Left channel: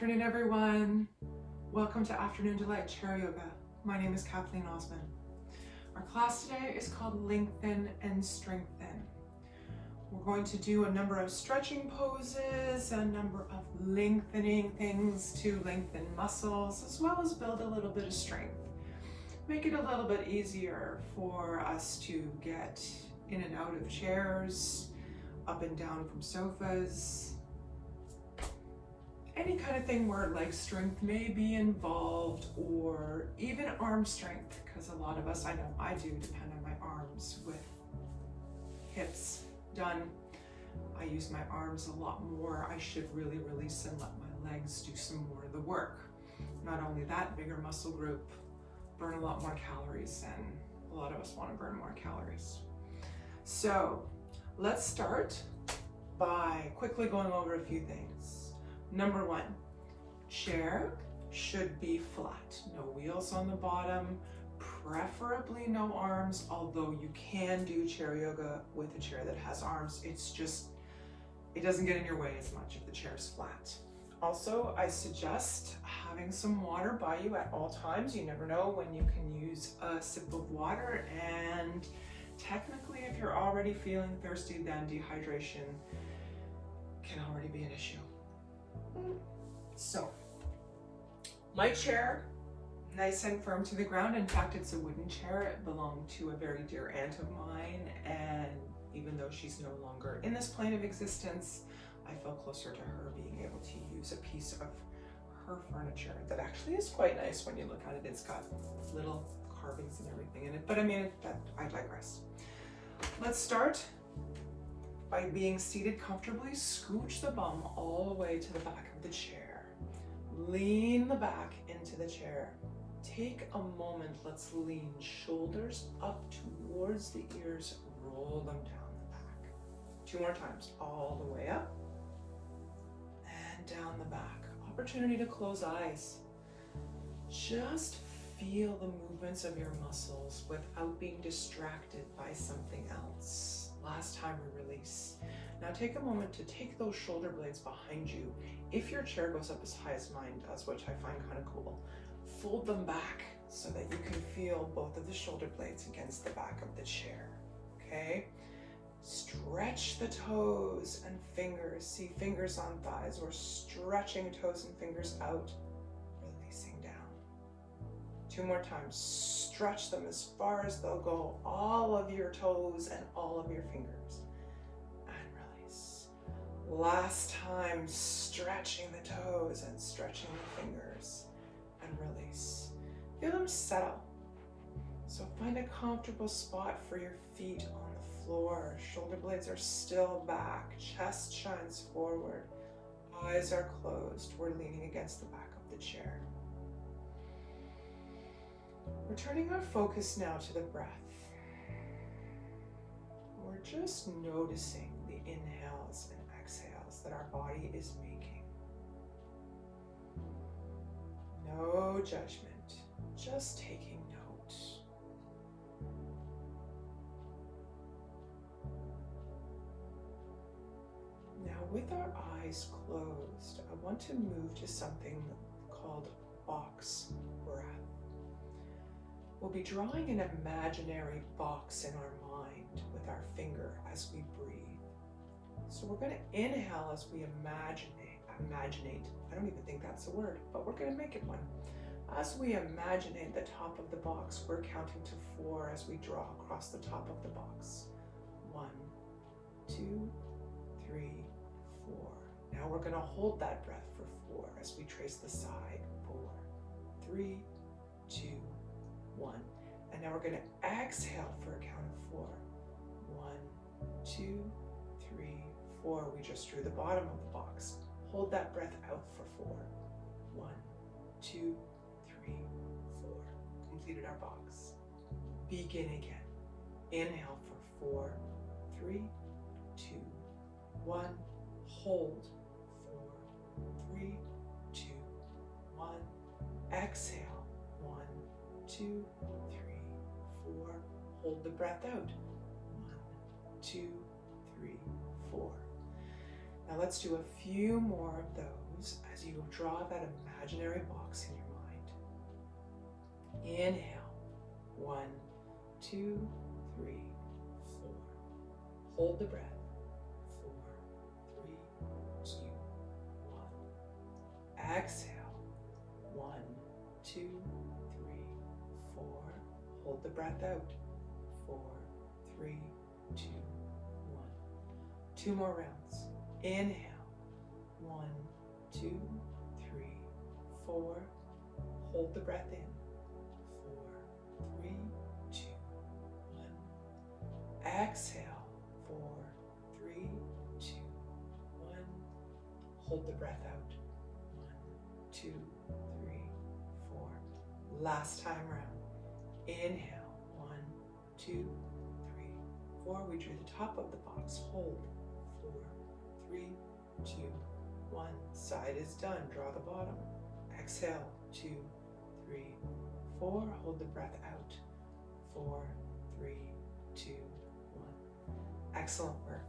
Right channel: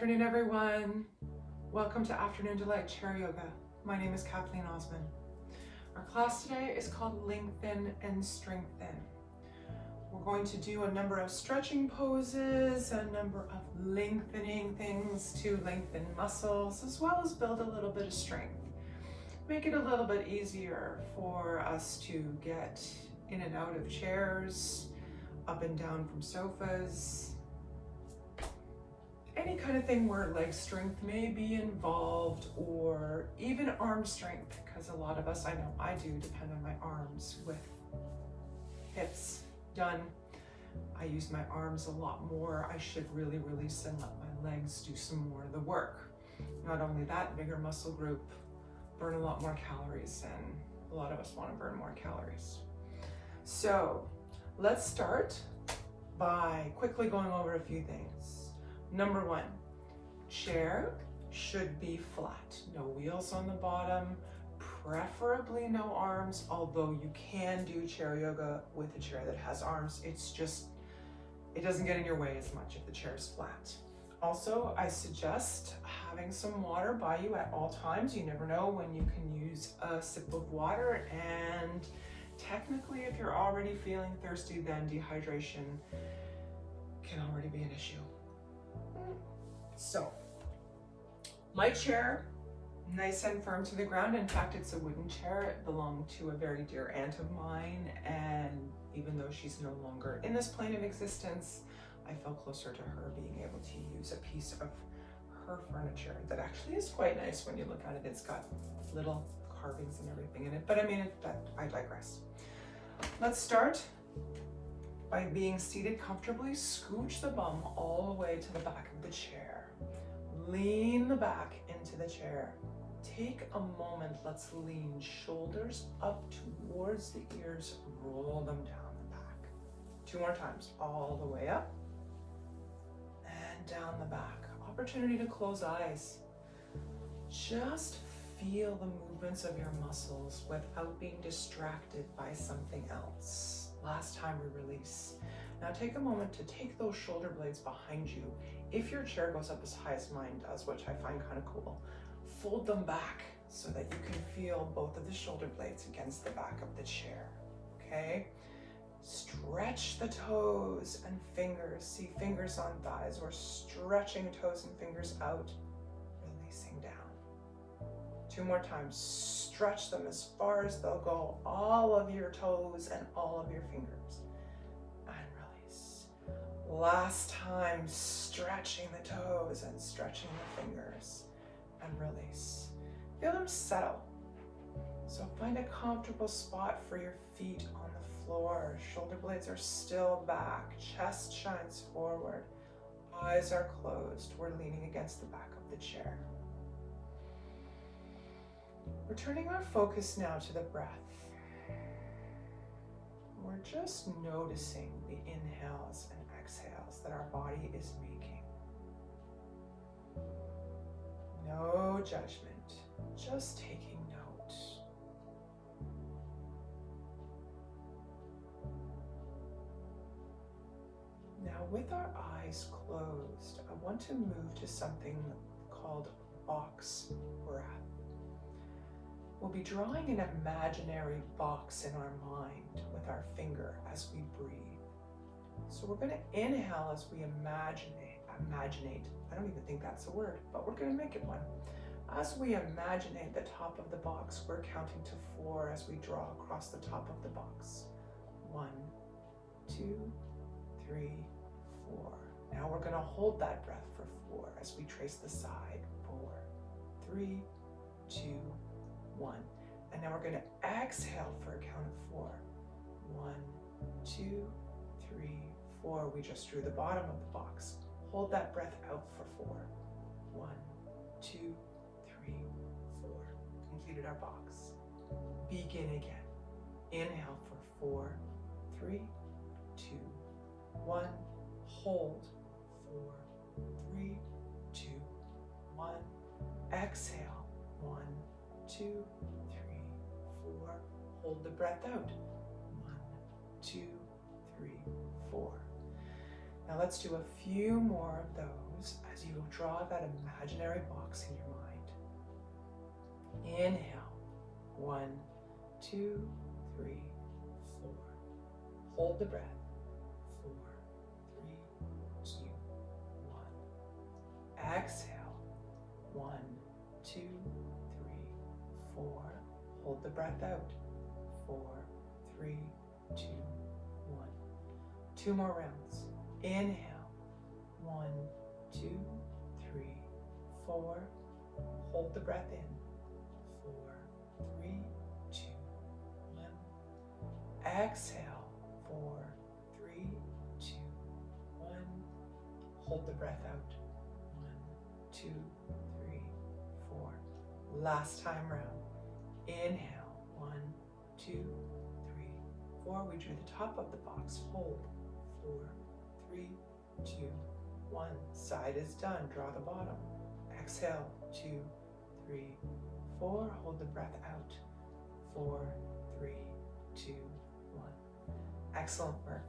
afternoon, everyone. Welcome to Afternoon Delight Chair Yoga. My name is Kathleen Osmond. Our class today is called Lengthen and Strengthen. We're going to do a number of stretching poses, a number of lengthening things to lengthen muscles, as well as build a little bit of strength. Make it a little bit easier for us to get in and out of chairs, up and down from sofas, any kind of thing where leg strength may be involved, or even arm strength, because a lot of us, I know I do, depend on my arms with hips done. I use my arms a lot more. I should really release and let my legs do some more of the work. Not only that, bigger muscle group, burn a lot more calories, and a lot of us want to burn more calories. So let's start by quickly going over a few things. Number one, chair should be flat. No wheels on the bottom, preferably no arms, although you can do chair yoga with a chair that has arms. It's just, it doesn't get in your way as much if the chair is flat. Also, I suggest having some water by you at all times. You never know when you can use a sip of water, and technically if you're already feeling thirsty, then dehydration can already be an issue. So, my chair, nice and firm to the ground. In fact, it's a wooden chair. It belonged to a very dear aunt of mine, and even though she's no longer in this plane of existence, I felt closer to her being able to use a piece of her furniture that actually is quite nice when you look at it. It's got little carvings and everything in it, but I mean, I digress. Let's start by being seated comfortably. Scooch the bum all the way to the back of the chair. Lean the back into the chair. Take a moment, let's lean shoulders up towards the ears, roll them down the back. 2 more times, all the way up and down the back. Opportunity to close eyes. Just feel the movements of your muscles without being distracted by something else. Last time we release. Now take a moment to take those shoulder blades behind you. If your chair goes up as high as mine does, which I find kind of cool, fold them back so that you can feel both of the shoulder blades against the back of the chair, okay? Stretch the toes and fingers. See fingers on thighs. We're stretching toes and fingers out, releasing down. 2 more times. Stretch them as far as they'll go, all of your toes and all of your fingers, and release. Last time, stretching the toes and stretching the fingers, and release. Feel them settle. So find a comfortable spot for your feet on the floor. Shoulder blades are still back, chest shines forward, eyes are closed. We're leaning against the back of the chair. We're turning our focus now to the breath. We're just noticing the inhales and exhales that our body is making. No judgment, just taking note. Now, with our eyes closed, I want to move to something called box breath. We'll be drawing an imaginary box in our mind with our finger as we breathe. So we're going to inhale as we imaginate. I don't even think that's a word, but we're going to make it one. As we imaginate the top of the box, we're counting to 4 as we draw across the top of the box. 1, 2, 3, 4. Now we're going to hold that breath for 4 as we trace the side. 4, 3, 2, 1. And now we're going to exhale for a count of 4. 1, 2, 3, 4. We just drew the bottom of the box. Hold that breath out for 4. 1, 2, 3, 4. Completed our box. Begin again. Inhale for 4, 3, 2, 1. Hold. 4, 3, 2, 1. Exhale. 1, 2, 3, 4. Hold the breath out. 1, 2, 3, 4. Now let's do a few more of those as you draw that imaginary box in your mind. Inhale. 1, 2, 3, 4. Hold the breath. 4, 3, 2, 1. Exhale. 1, 2, 3, 4. Hold the breath out. 4, 3, 2, 1. 2 more rounds. Inhale. 1, 2, 3, 4. Hold the breath in. 4, 3, 2, 1. Exhale. 4, 3, 2, 1. Hold the breath out. 1, 2, 3, 4. Last time round. Inhale. 1, 2, 3, 4. We drew the top of the box. Hold. 4, 3, 2, 1. Side is done. Draw the bottom. Exhale. 2, 3, 4. Hold the breath out. 4, 3, 2, 1. Excellent work.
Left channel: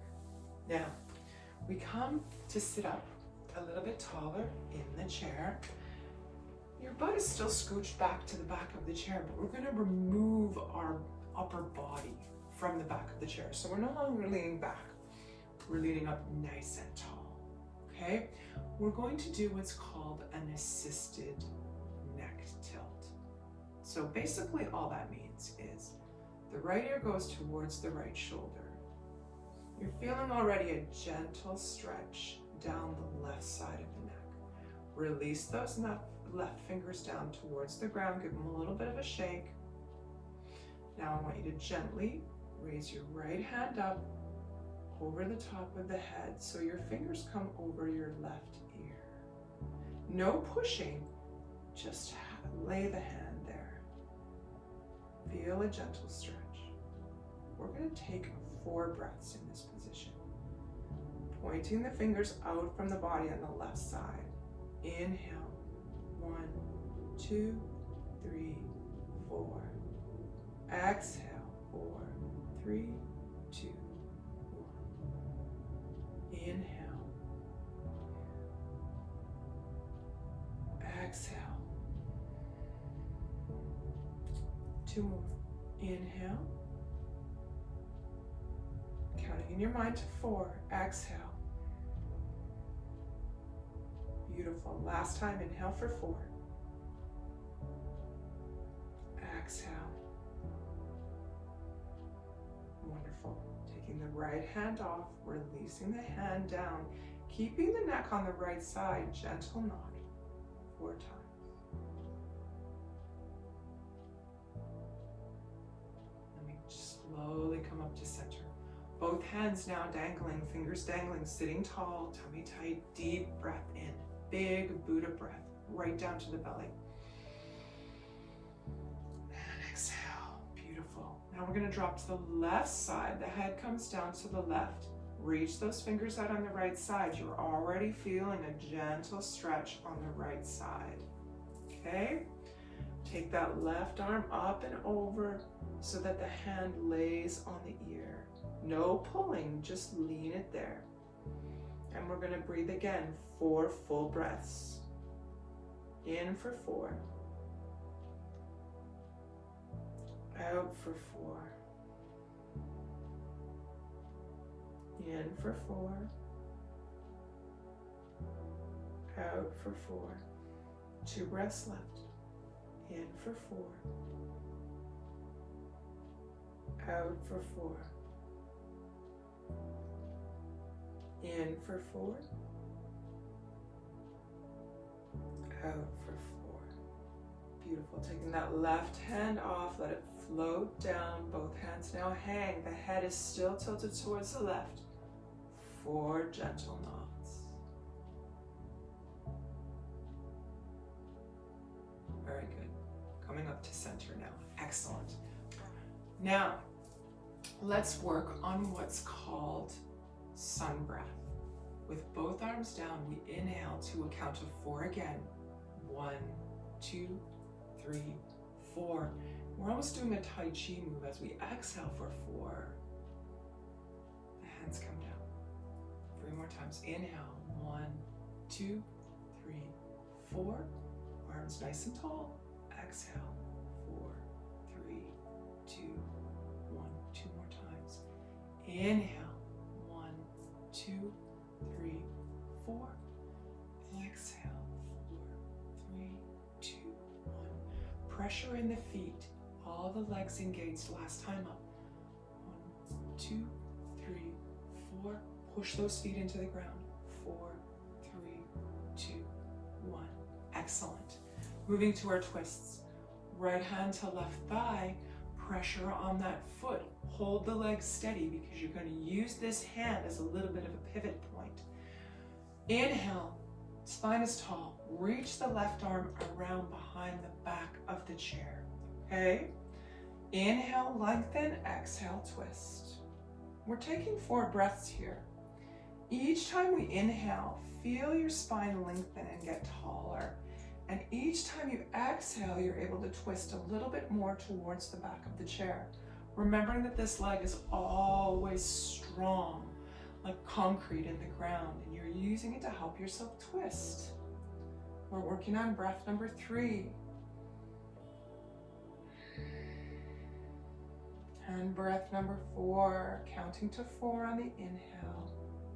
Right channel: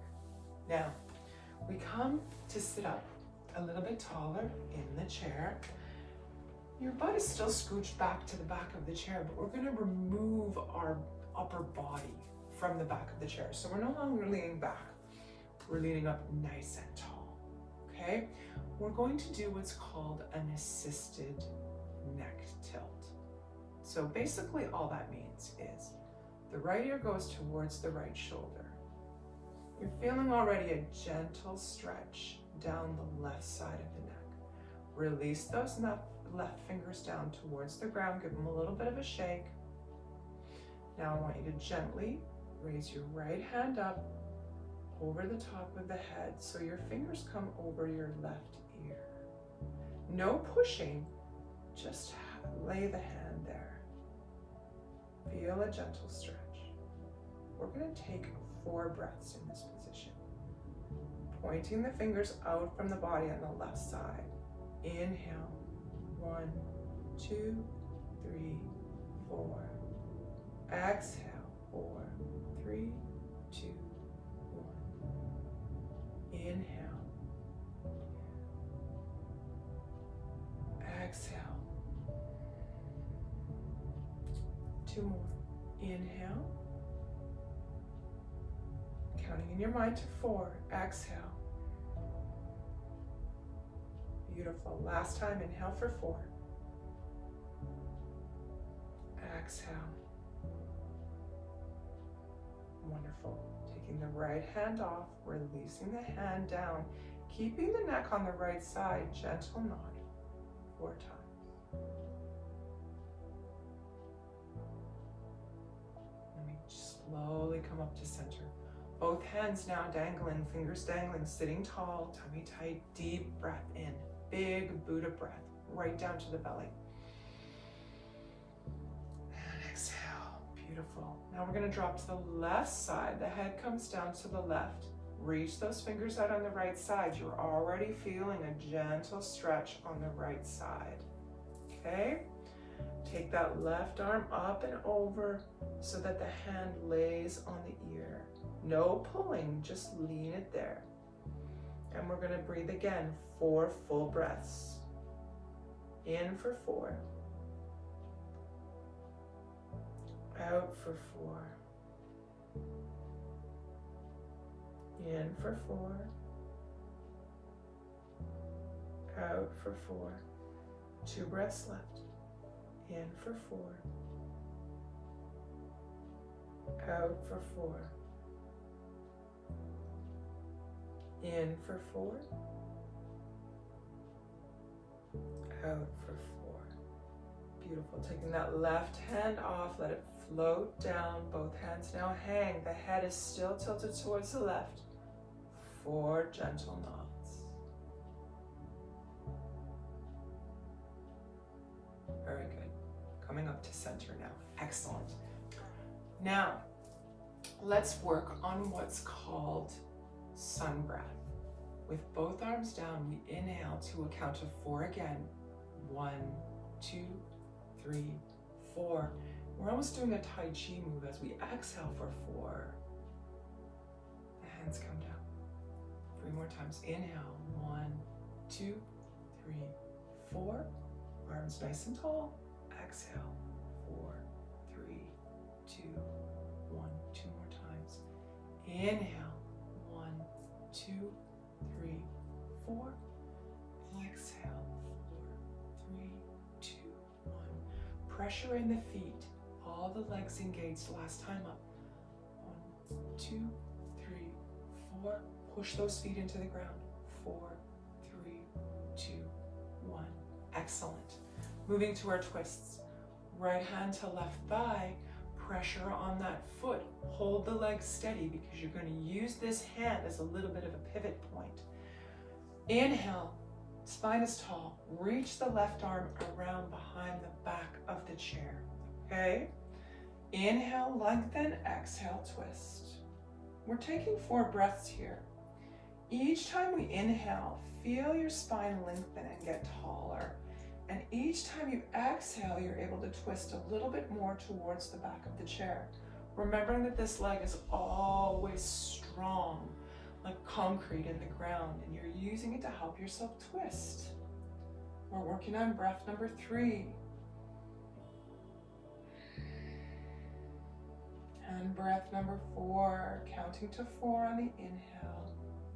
Now, we come to sit up a little bit taller in the chair. Your butt is still scooched back to the back of the chair, but we're going to remove our upper body from the back of the chair. So we're no longer leaning back. We're leaning up nice and tall, okay? We're going to do what's called an assisted neck tilt. So basically all that means is the right ear goes towards the right shoulder. You're feeling already a gentle stretch down the left side of the neck. Release those left fingers down towards the ground. Give them a little bit of a shake. Now I want you to gently raise your right hand up over the top of the head so your fingers come over your left ear. No pushing, just lay the hand there. Feel a gentle stretch. We're going to take 4 breaths in this position. Pointing the fingers out from the body on the left side. Inhale. 1, 2, 3, 4. Exhale. 4, 3, 2, 1. Inhale. Exhale. 2 more. Inhale. Counting in your mind to 4. Exhale. Beautiful. Last time, inhale for 4. Exhale. Wonderful. Taking the right hand off, releasing the hand down, keeping the neck on the right side, gentle nodding 4 times. Let me slowly come up to center. Both hands now dangling, fingers dangling, sitting tall, tummy tight, deep breath in. Big Buddha breath, right down to the belly. And exhale, beautiful. Now we're gonna drop to the left side. The head comes down to the left. Reach those fingers out on the right side. You're already feeling a gentle stretch on the right side, okay? Take that left arm up and over so that the hand lays on the ear. No pulling, just lean it there. And we're gonna breathe again, 4 full breaths. In for 4. Out for 4. In for 4. Out for 4. 2 breaths left. In for 4. Out for 4. In for 4. Out for 4. Beautiful. Taking that left hand off, let it float down. Both hands now hang. The head is still tilted towards the left. 4 gentle nods. Very good. Coming up to center now. Excellent. Now, let's work on what's called sun breath. With both arms down, we inhale to a count of 4 again. 1, 2, 3, 4. We're almost doing a Tai Chi move as we exhale for 4. The hands come down. 3 more times. Inhale, 1, 2, 3, 4. Arms nice and tall. Exhale, 4, 3, 2, 1. 2 more times. Inhale, 1, 2, 3, 4. Exhale, 4, 3, 2, 1. Pressure in the feet. All the legs engaged. Last time up. 1, 2, 3, 4. Push those feet into the ground. 4, 3, 2, 1. Excellent. Moving to our twists. Right hand to left thigh. Pressure on that foot. Hold the leg steady because you're going to use this hand as a little bit of a pivot point. Inhale. Spine is tall. Reach the left arm around behind the back of the chair. Okay? Inhale, lengthen. Exhale, twist. We're taking 4 breaths here. Each time we inhale, feel your spine lengthen and get taller. And each time you exhale, you're able to twist a little bit more towards the back of the chair. Remembering that this leg is always strong, like concrete in the ground, and you're using it to help yourself twist. We're working on breath number 3. And breath number 4, counting to 4 on the inhale,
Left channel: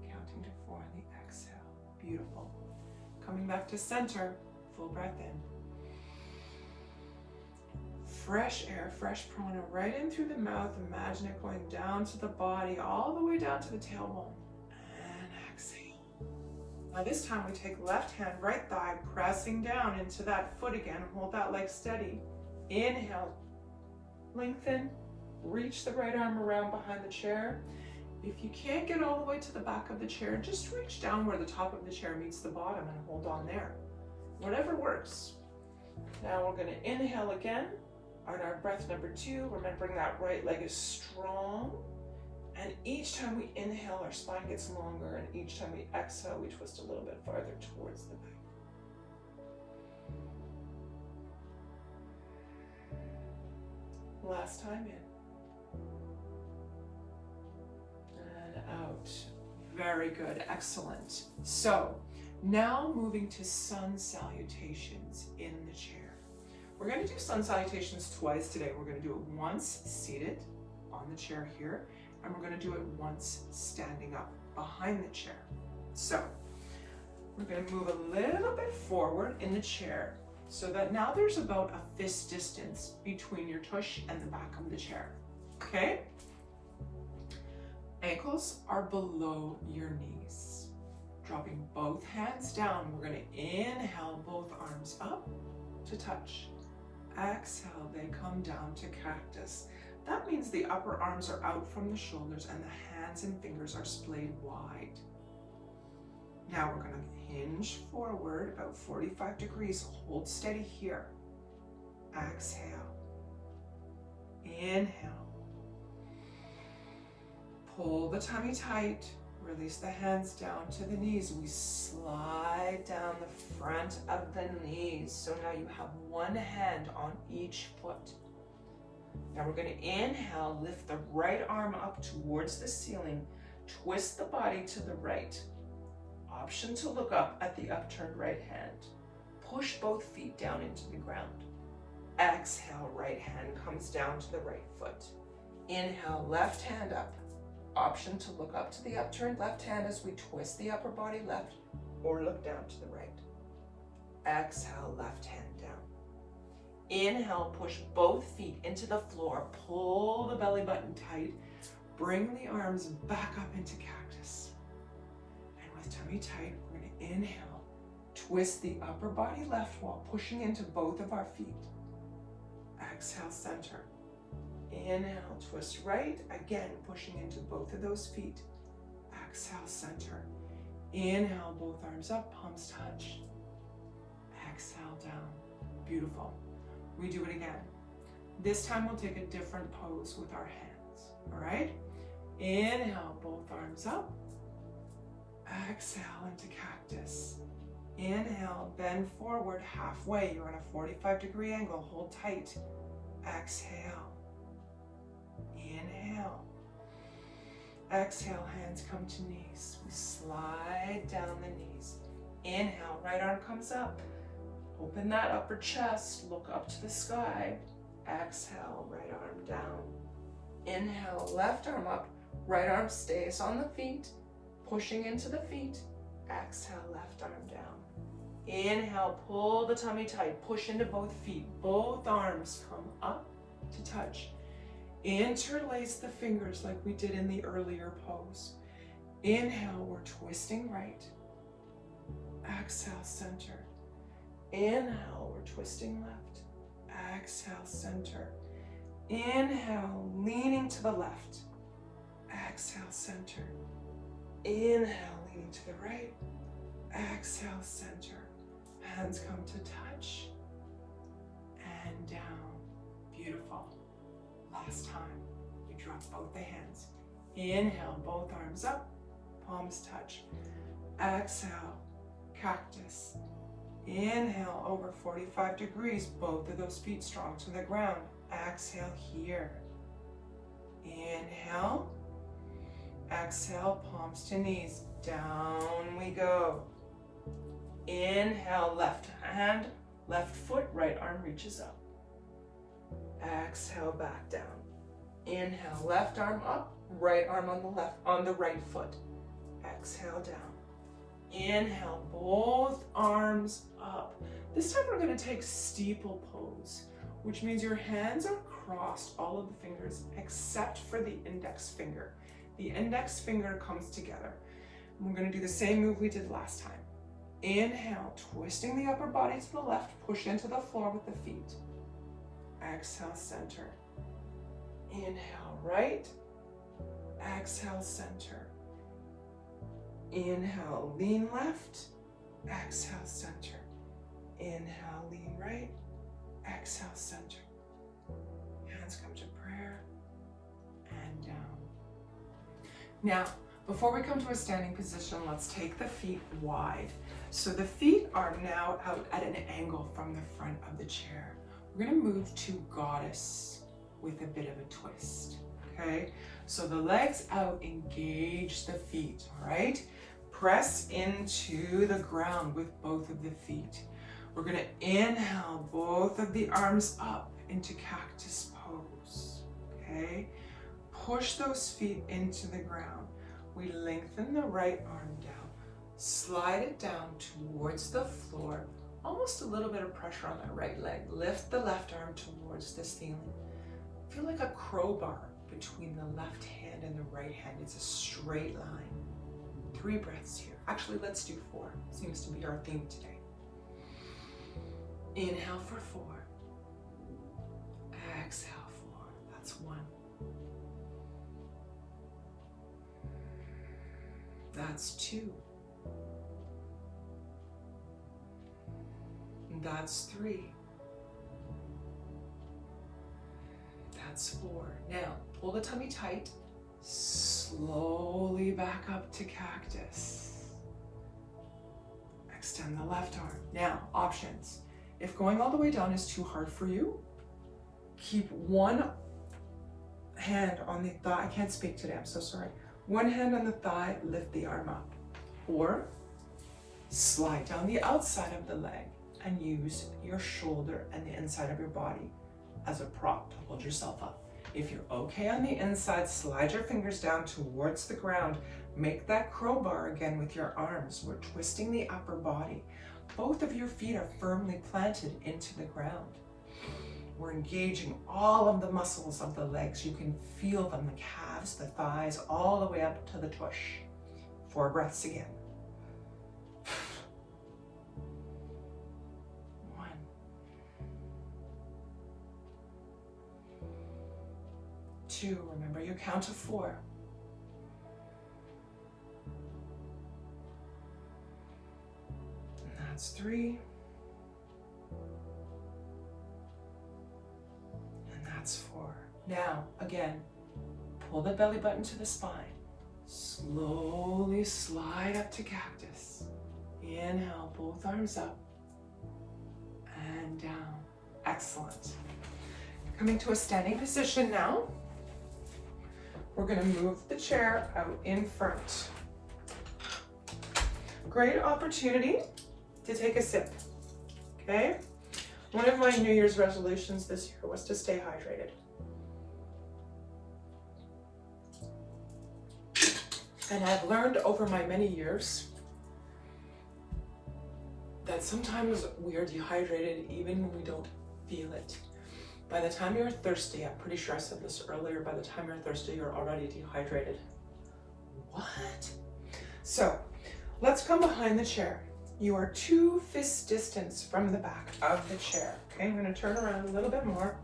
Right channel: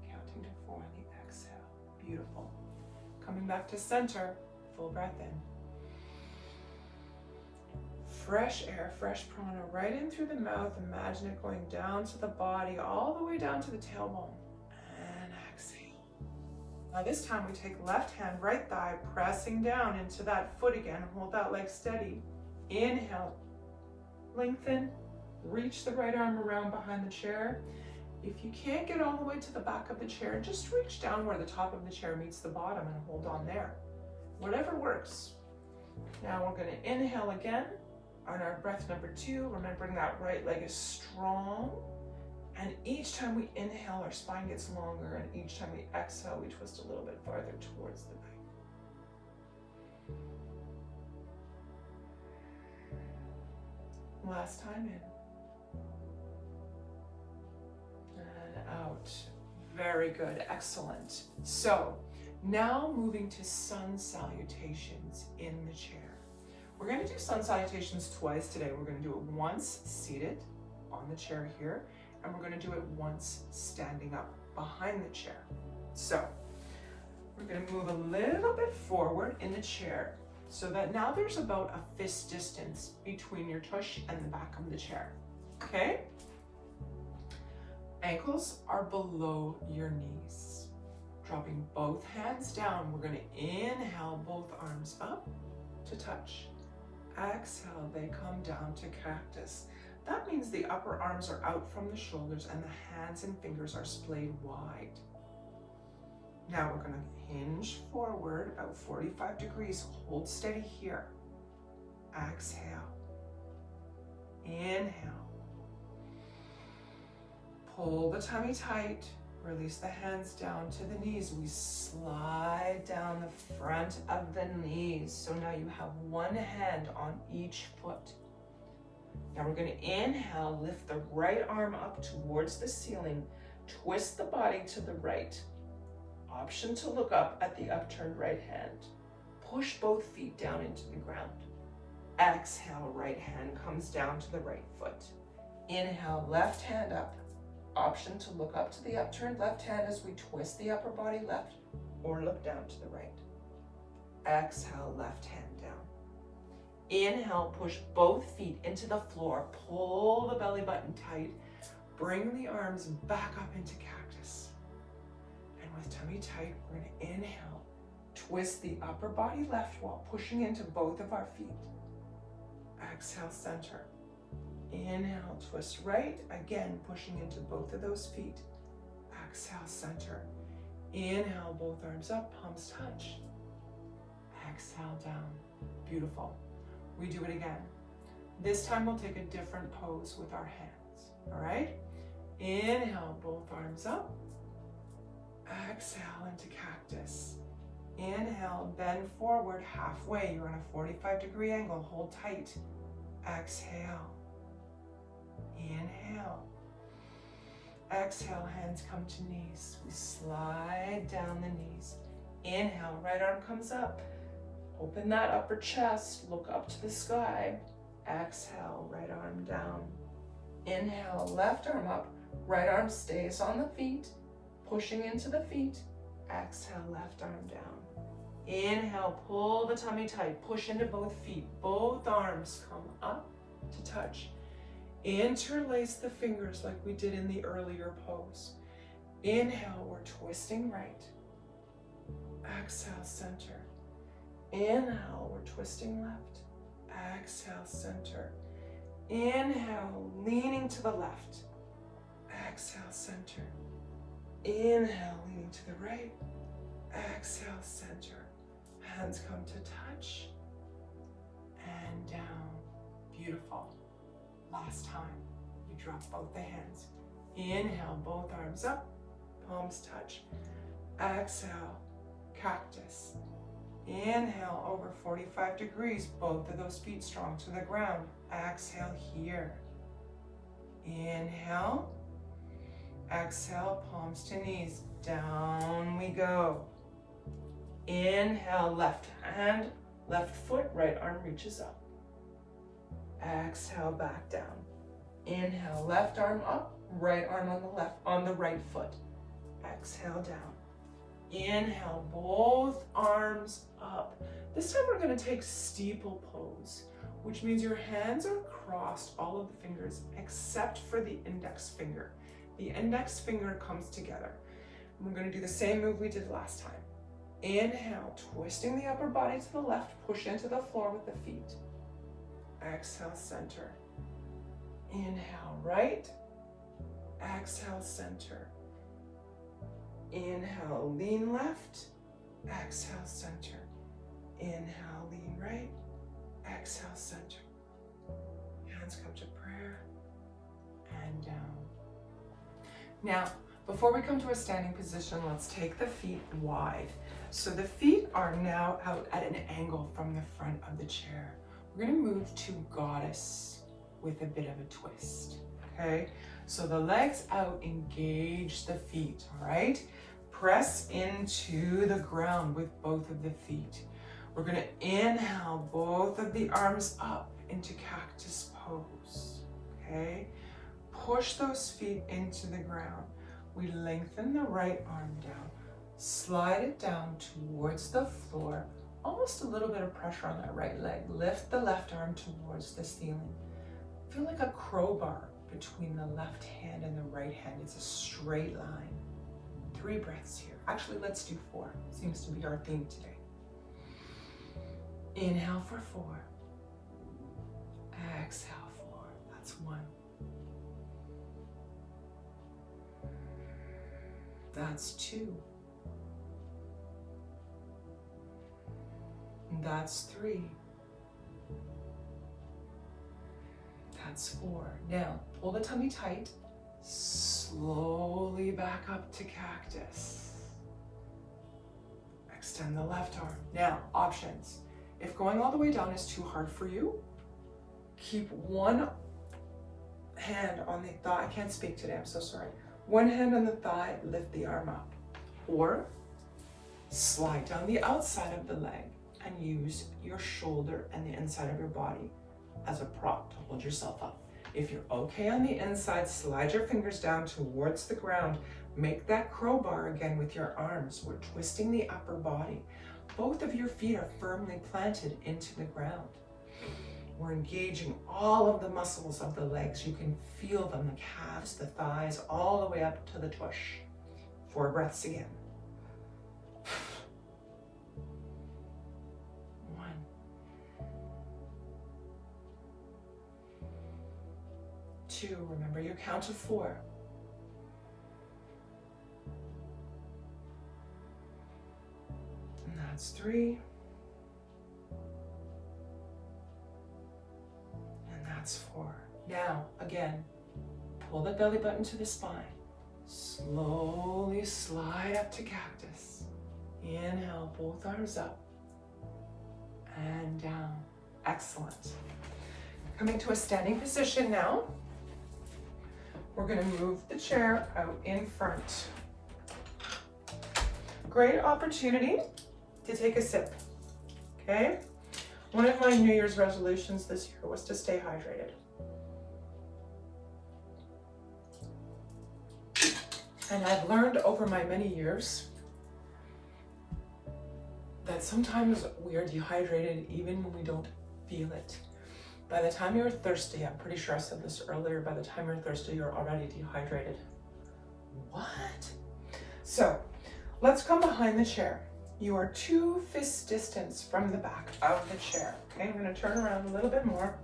counting to 4 on the exhale. Beautiful. Coming back to center, full breath in. Fresh air, fresh prana, right in through the mouth. Imagine it going down to the body, all the way down to the tailbone. And exhale. Now this time we take left hand, right thigh, pressing down into that foot again. Hold that leg steady. Inhale, lengthen. Reach the right arm around behind the chair. If you can't get all the way to the back of the chair, just reach down where the top of the chair meets the bottom and hold on there. Whatever works. Now we're going to inhale again on our breath number 2, remembering that right leg is strong. And each time we inhale, our spine gets longer, and each time we exhale, we twist a little bit farther towards the back. Last time in. Out. Very good. Excellent. So now moving to sun salutations in the chair. We're going to do sun salutations twice today. We're going to do it once seated on the chair here, and we're going to do it once standing up behind the chair. So we're going to move a little bit forward in the chair so that now there's about a fist distance between your tush and the back of the chair. Okay? Ankles are below your knees. Dropping both hands down, we're going to inhale both arms up to touch. Exhale, they come down to cactus. That means the upper arms are out from the shoulders and the hands and fingers are splayed wide. Now we're going to hinge forward about 45 degrees. Hold steady here. Exhale. Inhale. Pull the tummy tight, release the hands down to the knees. We slide down the front of the knees. So now you have one hand on each foot. Now we're going to inhale, lift the right arm up towards the ceiling, twist the body to the right. Option to look up at the upturned right hand. Push both feet down into the ground. Exhale, right hand comes down to the right foot. Inhale, left hand up. Option to look up to the upturned left hand as we twist the upper body left or look down to the right. Exhale, left hand down. Inhale, push both feet into the floor. Pull the belly button tight. Bring the arms back up into cactus. And with tummy tight, we're going to inhale. Twist the upper body left while pushing into both of our feet. Exhale, center. Inhale, twist right, again pushing into both of those feet. Exhale, center. Inhale, both arms up, palms touch. Exhale, down. Beautiful. We do it again. This time we'll take a different pose with our hands, all right? Inhale, both arms up. Exhale into cactus. Inhale, bend forward halfway. You're in a 45-degree angle. Hold tight. Exhale. Inhale. Exhale, hands come to knees. We slide down the knees. Inhale, right arm comes up. Open that upper chest, look up to the sky. Exhale, right arm down. Inhale, left arm up, right arm stays on the feet, pushing into the feet. Exhale, left arm down. Inhale, pull the tummy tight, push into both feet. Both arms come up to touch. Interlace the fingers like we did in the earlier pose. Inhale, we're twisting right. Exhale, center. Inhale, we're twisting left. Exhale, center. Inhale, leaning to the left. Exhale, center. Inhale, leaning to the right. Exhale, center. Hands come to touch. And down. Beautiful. Last time. You drop both the hands. Inhale, both arms up. Palms touch. Exhale, cactus. Inhale, over 45 degrees. Both of those feet strong to the ground. Exhale here. Inhale. Exhale, palms to knees. Down we go. Inhale, left hand, left foot, right arm reaches up. Exhale, back down. Inhale, left arm up, right arm on the right foot. Exhale, down. Inhale, both arms up. This time we're going to take steeple pose, which means your hands are crossed, all of the fingers, except for the index finger. The index finger comes together. We're going to do the same move we did last time. Inhale, twisting the upper body to the left, push into the floor with the feet. Exhale, center. Inhale, right. Exhale, center. Inhale, lean left. Exhale, center. Inhale, lean right. Exhale, center. Hands come to prayer and down. Now, before we come to a standing position, let's take the feet wide. So the feet are now out at an angle from the front of the chair. We're going to move to goddess with a bit of a twist, okay? So the legs out, engage the feet, all right? Press into the ground with both of the feet. We're going to inhale both of the arms up into cactus pose, okay? Push those feet into the ground. We lengthen the right arm down, slide it down towards the floor, almost a little bit of pressure on that right leg. Lift the left arm towards the ceiling. Feel like a crowbar between the left hand and the right hand. It's a straight line. 3 breaths here. Actually, let's do 4. Seems to be our theme today. Inhale for 4. Exhale 4. That's 1. That's 2. That's 3. That's 4. Now, pull the tummy tight. Slowly back up to cactus. Extend the left arm. Now, options. If going all the way down is too hard for you, keep one hand on the thigh. I can't speak today, I'm so sorry. One hand on the thigh, lift the arm up. Or slide down the outside of the leg and use your shoulder and the inside of your body as a prop to hold yourself up. If you're okay on the inside, slide your fingers down towards the ground. Make that crowbar again with your arms. We're twisting the upper body. Both of your feet are firmly planted into the ground. We're engaging all of the muscles of the legs. You can feel them, the calves, the thighs, all the way up to the tush. 4 breaths again. 1. 2. Remember you count to 4. And that's 3. That's 4. Now, again, pull the belly button to the spine. Slowly slide up to cactus. Inhale, both arms up and down. Excellent. Coming to a standing position now. We're going to move the chair out in front. great opportunity to take a sip, okay? One of my New Year's resolutions this year was to stay hydrated. And I've learned over my many years that sometimes we are dehydrated even when we don't feel it. By the time you're thirsty, I'm pretty sure I said this earlier, by the time you're thirsty, you're already dehydrated. What? So, let's come behind the chair. You are 2 fist distance from the back of the chair. Okay, I'm going to turn around a little bit more.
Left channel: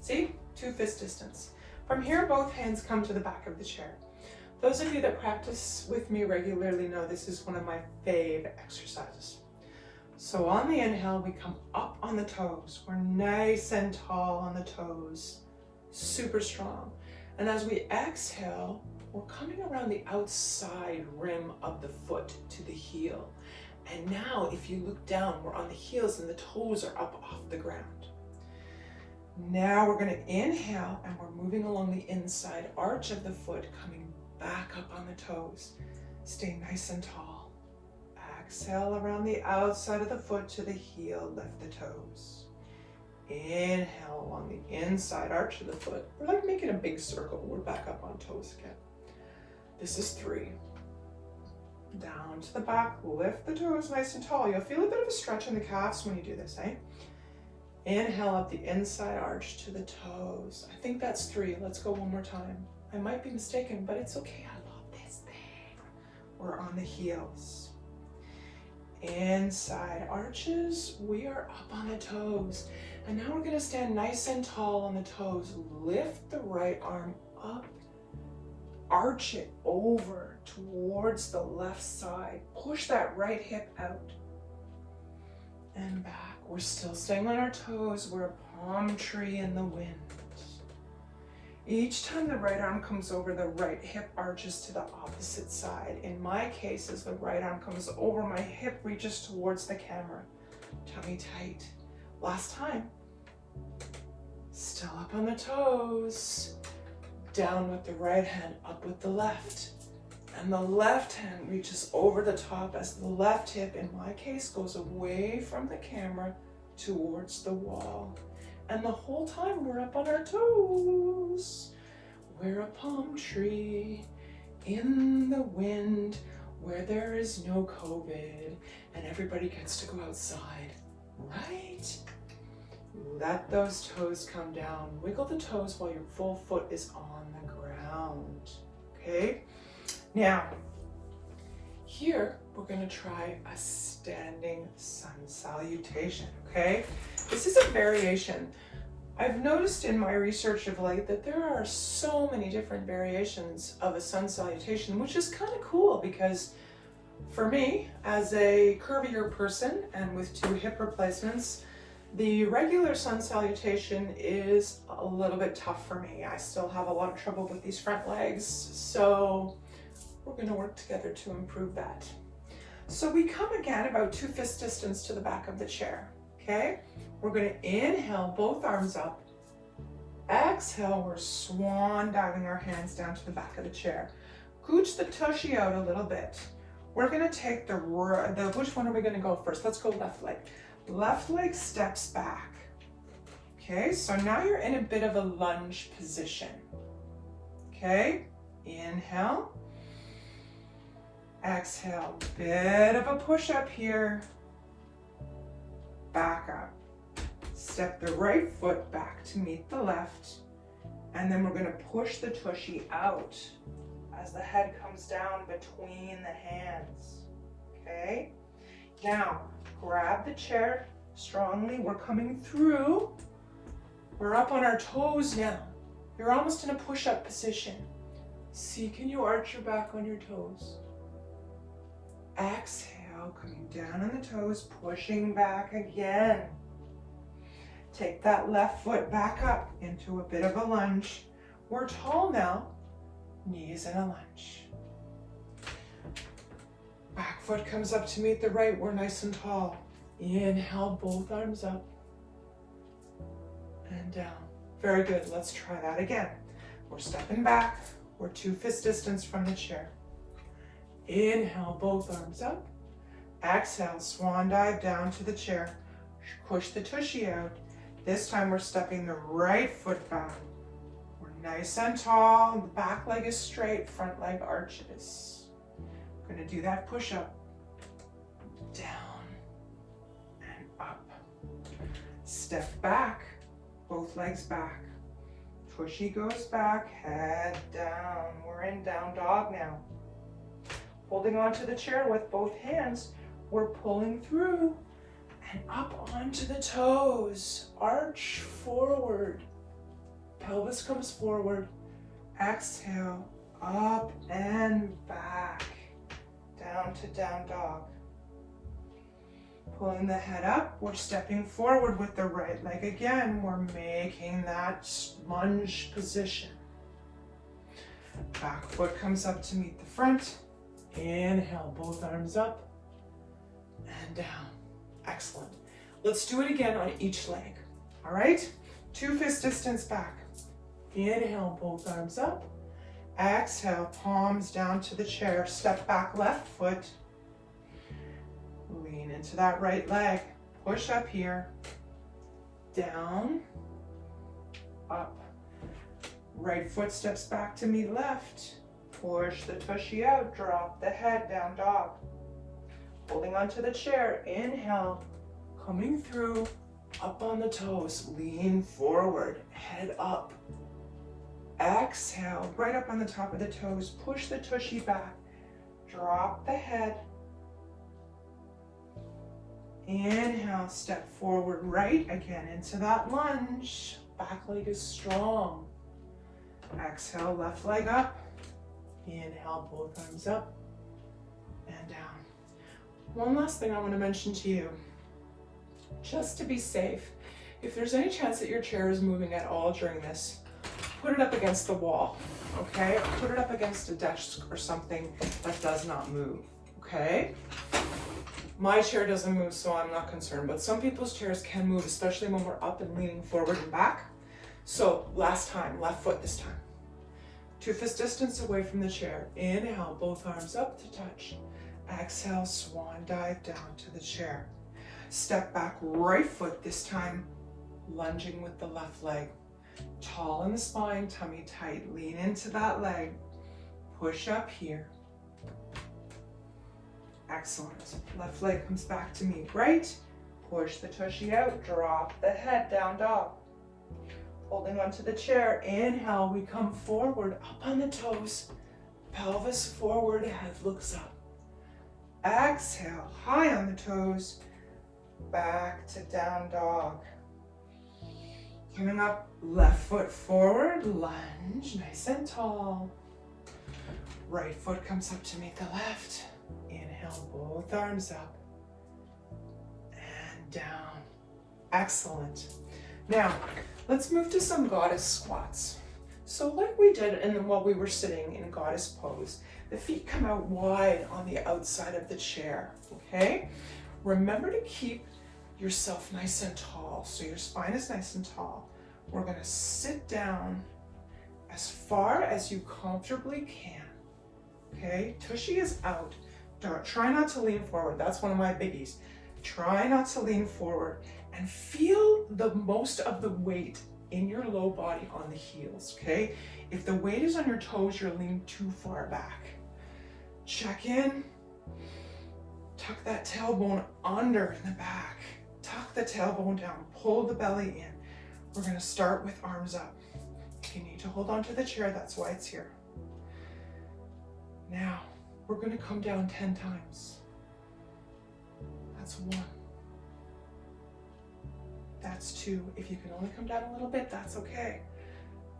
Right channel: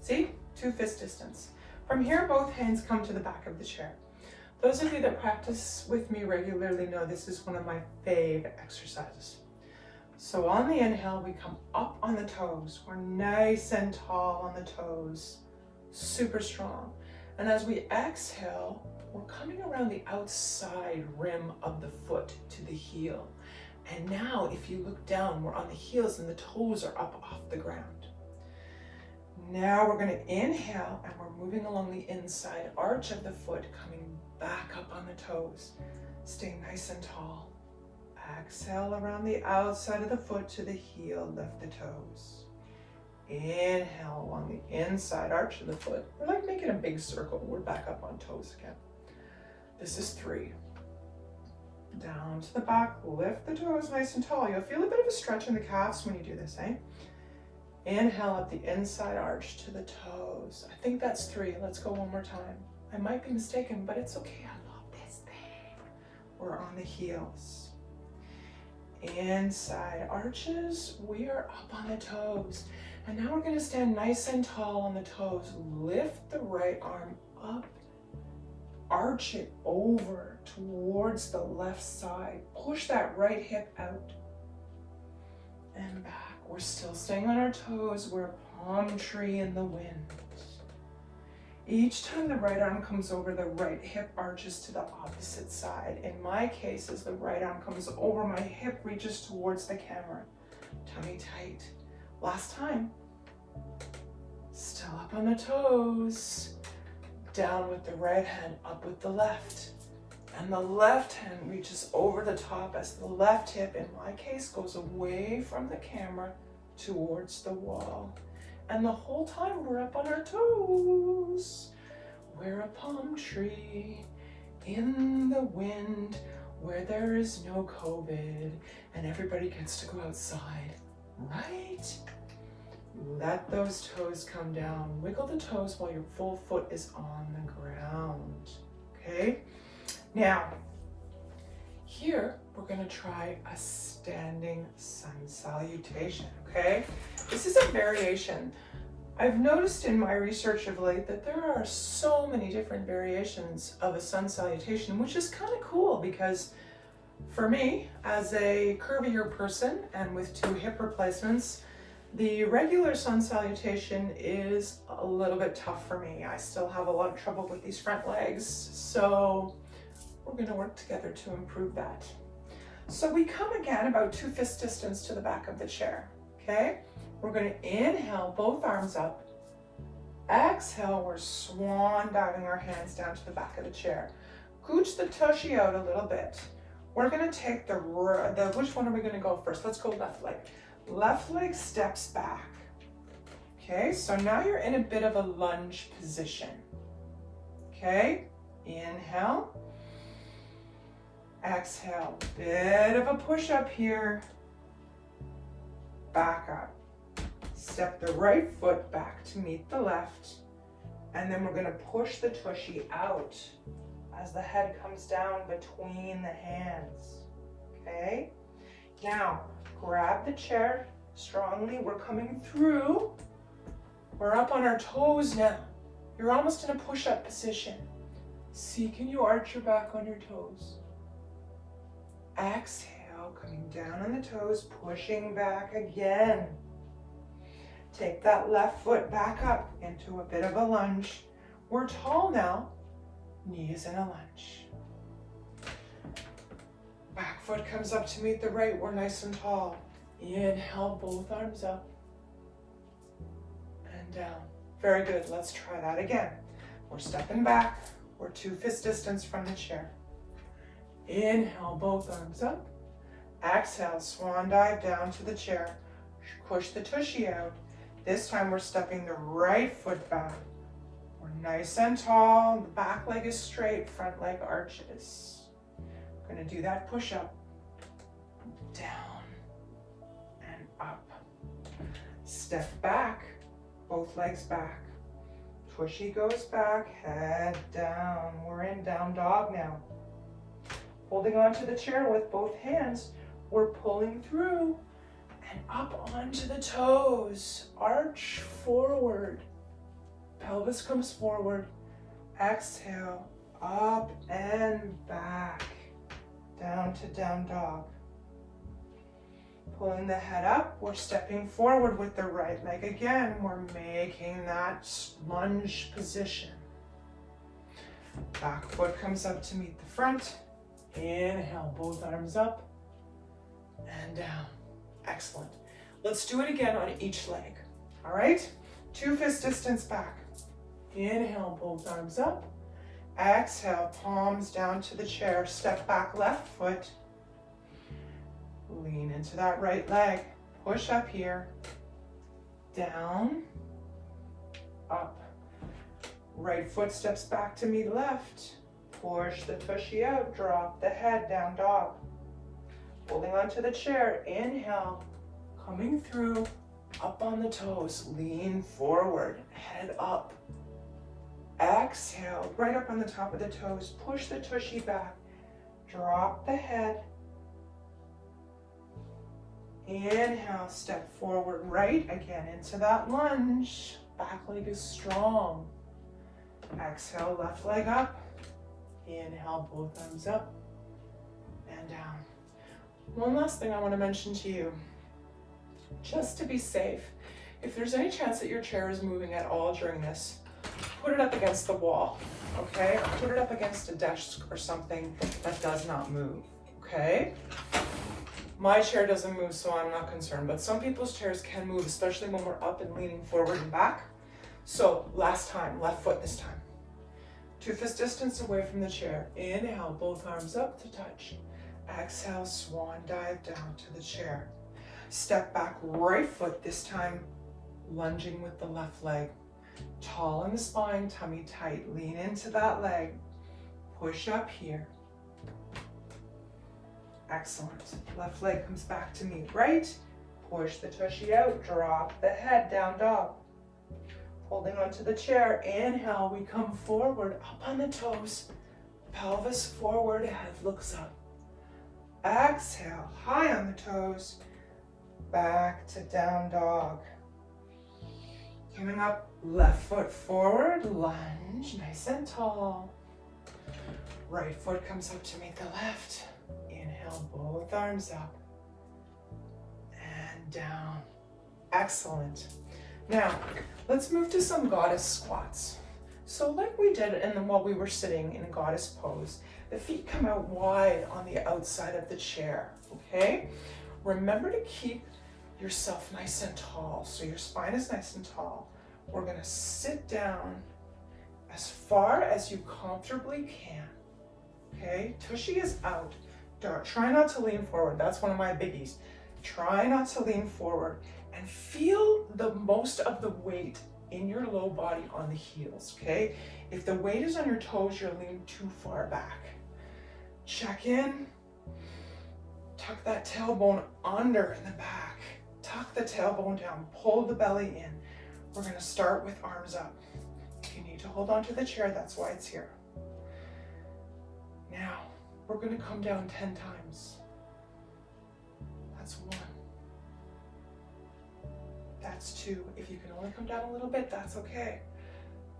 See? 2 fist distance. From here, both hands come to the back of the chair. Those of you that practice with me regularly know this is one of my fave exercises. So on the inhale, we come up on the toes. We're nice and tall on the toes, super strong. And as we exhale, we're coming around the outside rim of the foot to the heel. And now if you look down, we're on the heels and the toes are up off the ground. Now we're going to inhale and we're moving along the inside arch of the foot, coming back up on the toes. Stay nice and tall. Exhale around the outside of the foot to the heel, lift the toes. Inhale along the inside arch of the foot. We're like making a big circle. We're back up on toes again. This is 3. Down to the back, lift the toes nice and tall. You'll feel a bit of a stretch in the calves when you do this, eh? Inhale up the inside arch to the toes. I think that's 3. Let's go one more time. I might be mistaken, but it's okay. I love this thing. We're on the heels. Inside arches, we are up on the toes. And now we're going to stand nice and tall on the toes. Lift the right arm up. Arch it over towards the left side. Push that right hip out and back. We're still staying on our toes. We're a palm tree in the wind. Each time the right arm comes over, the right hip arches to the opposite side. In my case, as the right arm comes over, my hip reaches towards the camera. Tummy tight. Last time. Still up on the toes. Down with the right hand, up with the left. And the left hand reaches over the top as the left hip, in my case, goes away from the camera towards the wall. And the whole time we're up on our toes. We're a palm tree in the wind where there is no COVID and everybody gets to go outside, right? Let those toes come down. Wiggle the toes while your full foot is on the ground, okay? Now, here we're gonna try a standing sun salutation, okay? This is a variation. I've noticed in my research of late that there are so many different variations of a sun salutation, which is kind of cool because for me, as a curvier person and with 2 hip replacements, the regular sun salutation is a little bit tough for me. I still have a lot of trouble with these front legs, so we're going to work together to improve that. So we come again about 2 fist distance to the back of the chair, okay? We're going to inhale, both arms up. Exhale, we're swan diving our hands down to the back of the chair. Gooch the tushy out a little bit. We're going to take which one are we going to go first? Let's go left leg. Left leg steps back. Okay, so now you're in a bit of a lunge position. Okay, inhale. Exhale, bit of a push up here. Back up. Step the right foot back to meet the left. And then we're going to push the tushy out as the head comes down between the hands. Okay? Now, grab the chair strongly. We're coming through. We're up on our toes now. You're almost in a push-up position. See, can you arch your back on your toes? Exhale, coming down on the toes, pushing back again. Take that left foot back up into a bit of a lunge. We're tall now, knees in a lunge. Back foot comes up to meet the right, we're nice and tall. Inhale, both arms up and down. Very good, let's try that again. We're stepping back, we're 2 fist distance from the chair. Inhale, both arms up. Exhale, swan dive down to the chair. Push the tushy out. This time we're stepping the right foot back. We're nice and tall. The back leg is straight, front leg arches. We're gonna do that push up. Down and up. Step back, both legs back. Tushy goes back, head down. We're in down dog now. Holding onto the chair with both hands, we're pulling through and up onto the toes. Arch forward. Pelvis comes forward. Exhale, up and back. Down to down dog. Pulling the head up, we're stepping forward with the right leg again. We're making that lunge position. Back foot comes up to meet the front. Inhale, both arms up and down. Excellent. Let's do it again on each leg. All right? 2 fist distance back. Inhale, both arms up. Exhale, palms down to the chair. Step back, left foot. Lean into that right leg. Push up here. Down. Up. Right foot steps back to meet left. Push the tushy out. Drop the head, down dog. Holding onto the chair. Inhale. Coming through. Up on the toes. Lean forward. Head up. Exhale. Right up on the top of the toes. Push the tushy back. Drop the head. Inhale, step forward, right again into that lunge. Back leg is strong. Exhale, left leg up. Inhale, both arms up and down. One last thing I want to mention to you, just to be safe, if there's any chance that your chair is moving at all during this, put it up against the wall, okay? Put it up against a desk or something that does not move, okay? My chair doesn't move, so I'm not concerned, but some people's chairs can move, especially when we're up and leaning forward and back. So last time, left foot this time. 2 fist distance away from the chair. Inhale, both arms up to touch. Exhale, swan dive down to the chair. Step back, right foot this time, lunging with the left leg. Tall in the spine, tummy tight. Lean into that leg. Push up here. Excellent. Left leg comes back to meet right. Push the tushy out. Drop the head, down dog. Holding onto the chair. Inhale, we come forward, up on the toes. Pelvis forward, head looks up. Exhale, high on the toes. Back to down dog. Coming up, left foot forward, lunge, nice and tall. Right foot comes up to meet the left. Inhale, both arms up and down. Excellent. Now, let's move to some goddess squats. So like we did while we were sitting in goddess pose, the feet come out wide on the outside of the chair, okay? Remember to keep yourself nice and tall, so your spine is nice and tall. We're gonna sit down as far as you comfortably can, okay? Tushy is out. Try not to lean forward. That's one of my biggies. Try not to lean forward and feel the most of the weight in your low body on the heels, okay? If the weight is on your toes, you're leaning too far back. Check in. Tuck that tailbone under in the back. Tuck the tailbone down. Pull the belly in. We're going to start with arms up. You need to hold on to the chair. That's why it's here. Now, we're going to come down 10 times. That's 1. That's 2. If you can only come down a little bit, that's okay.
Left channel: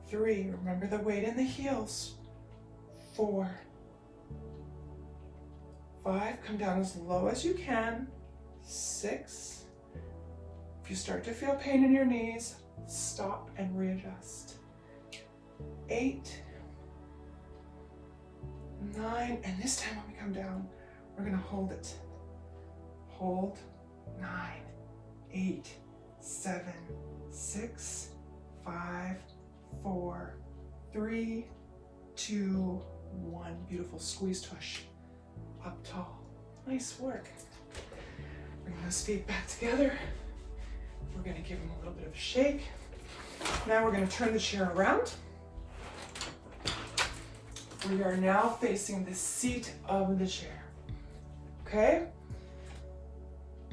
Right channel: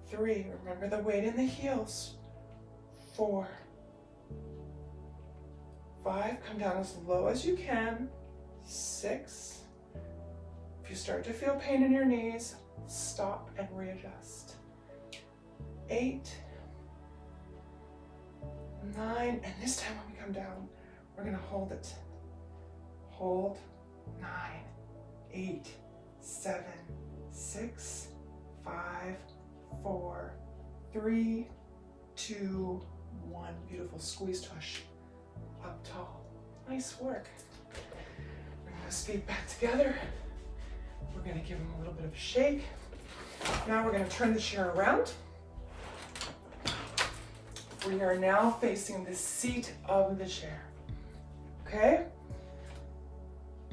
3. Remember the weight in the heels. 4. 5. Come down as low as you can. 6. If you start to feel pain in your knees, stop and readjust. 8. 9. And this time when we come down, we're going to hold it. Hold. 9. 8. 7. 6. 5. 4. 3. 2. 1. Beautiful. Squeeze tush. Up tall. Nice work. Those feet back together. We're going to give them a little bit of a shake. Now we're going to turn the chair around. We are now facing the seat of the chair. Okay?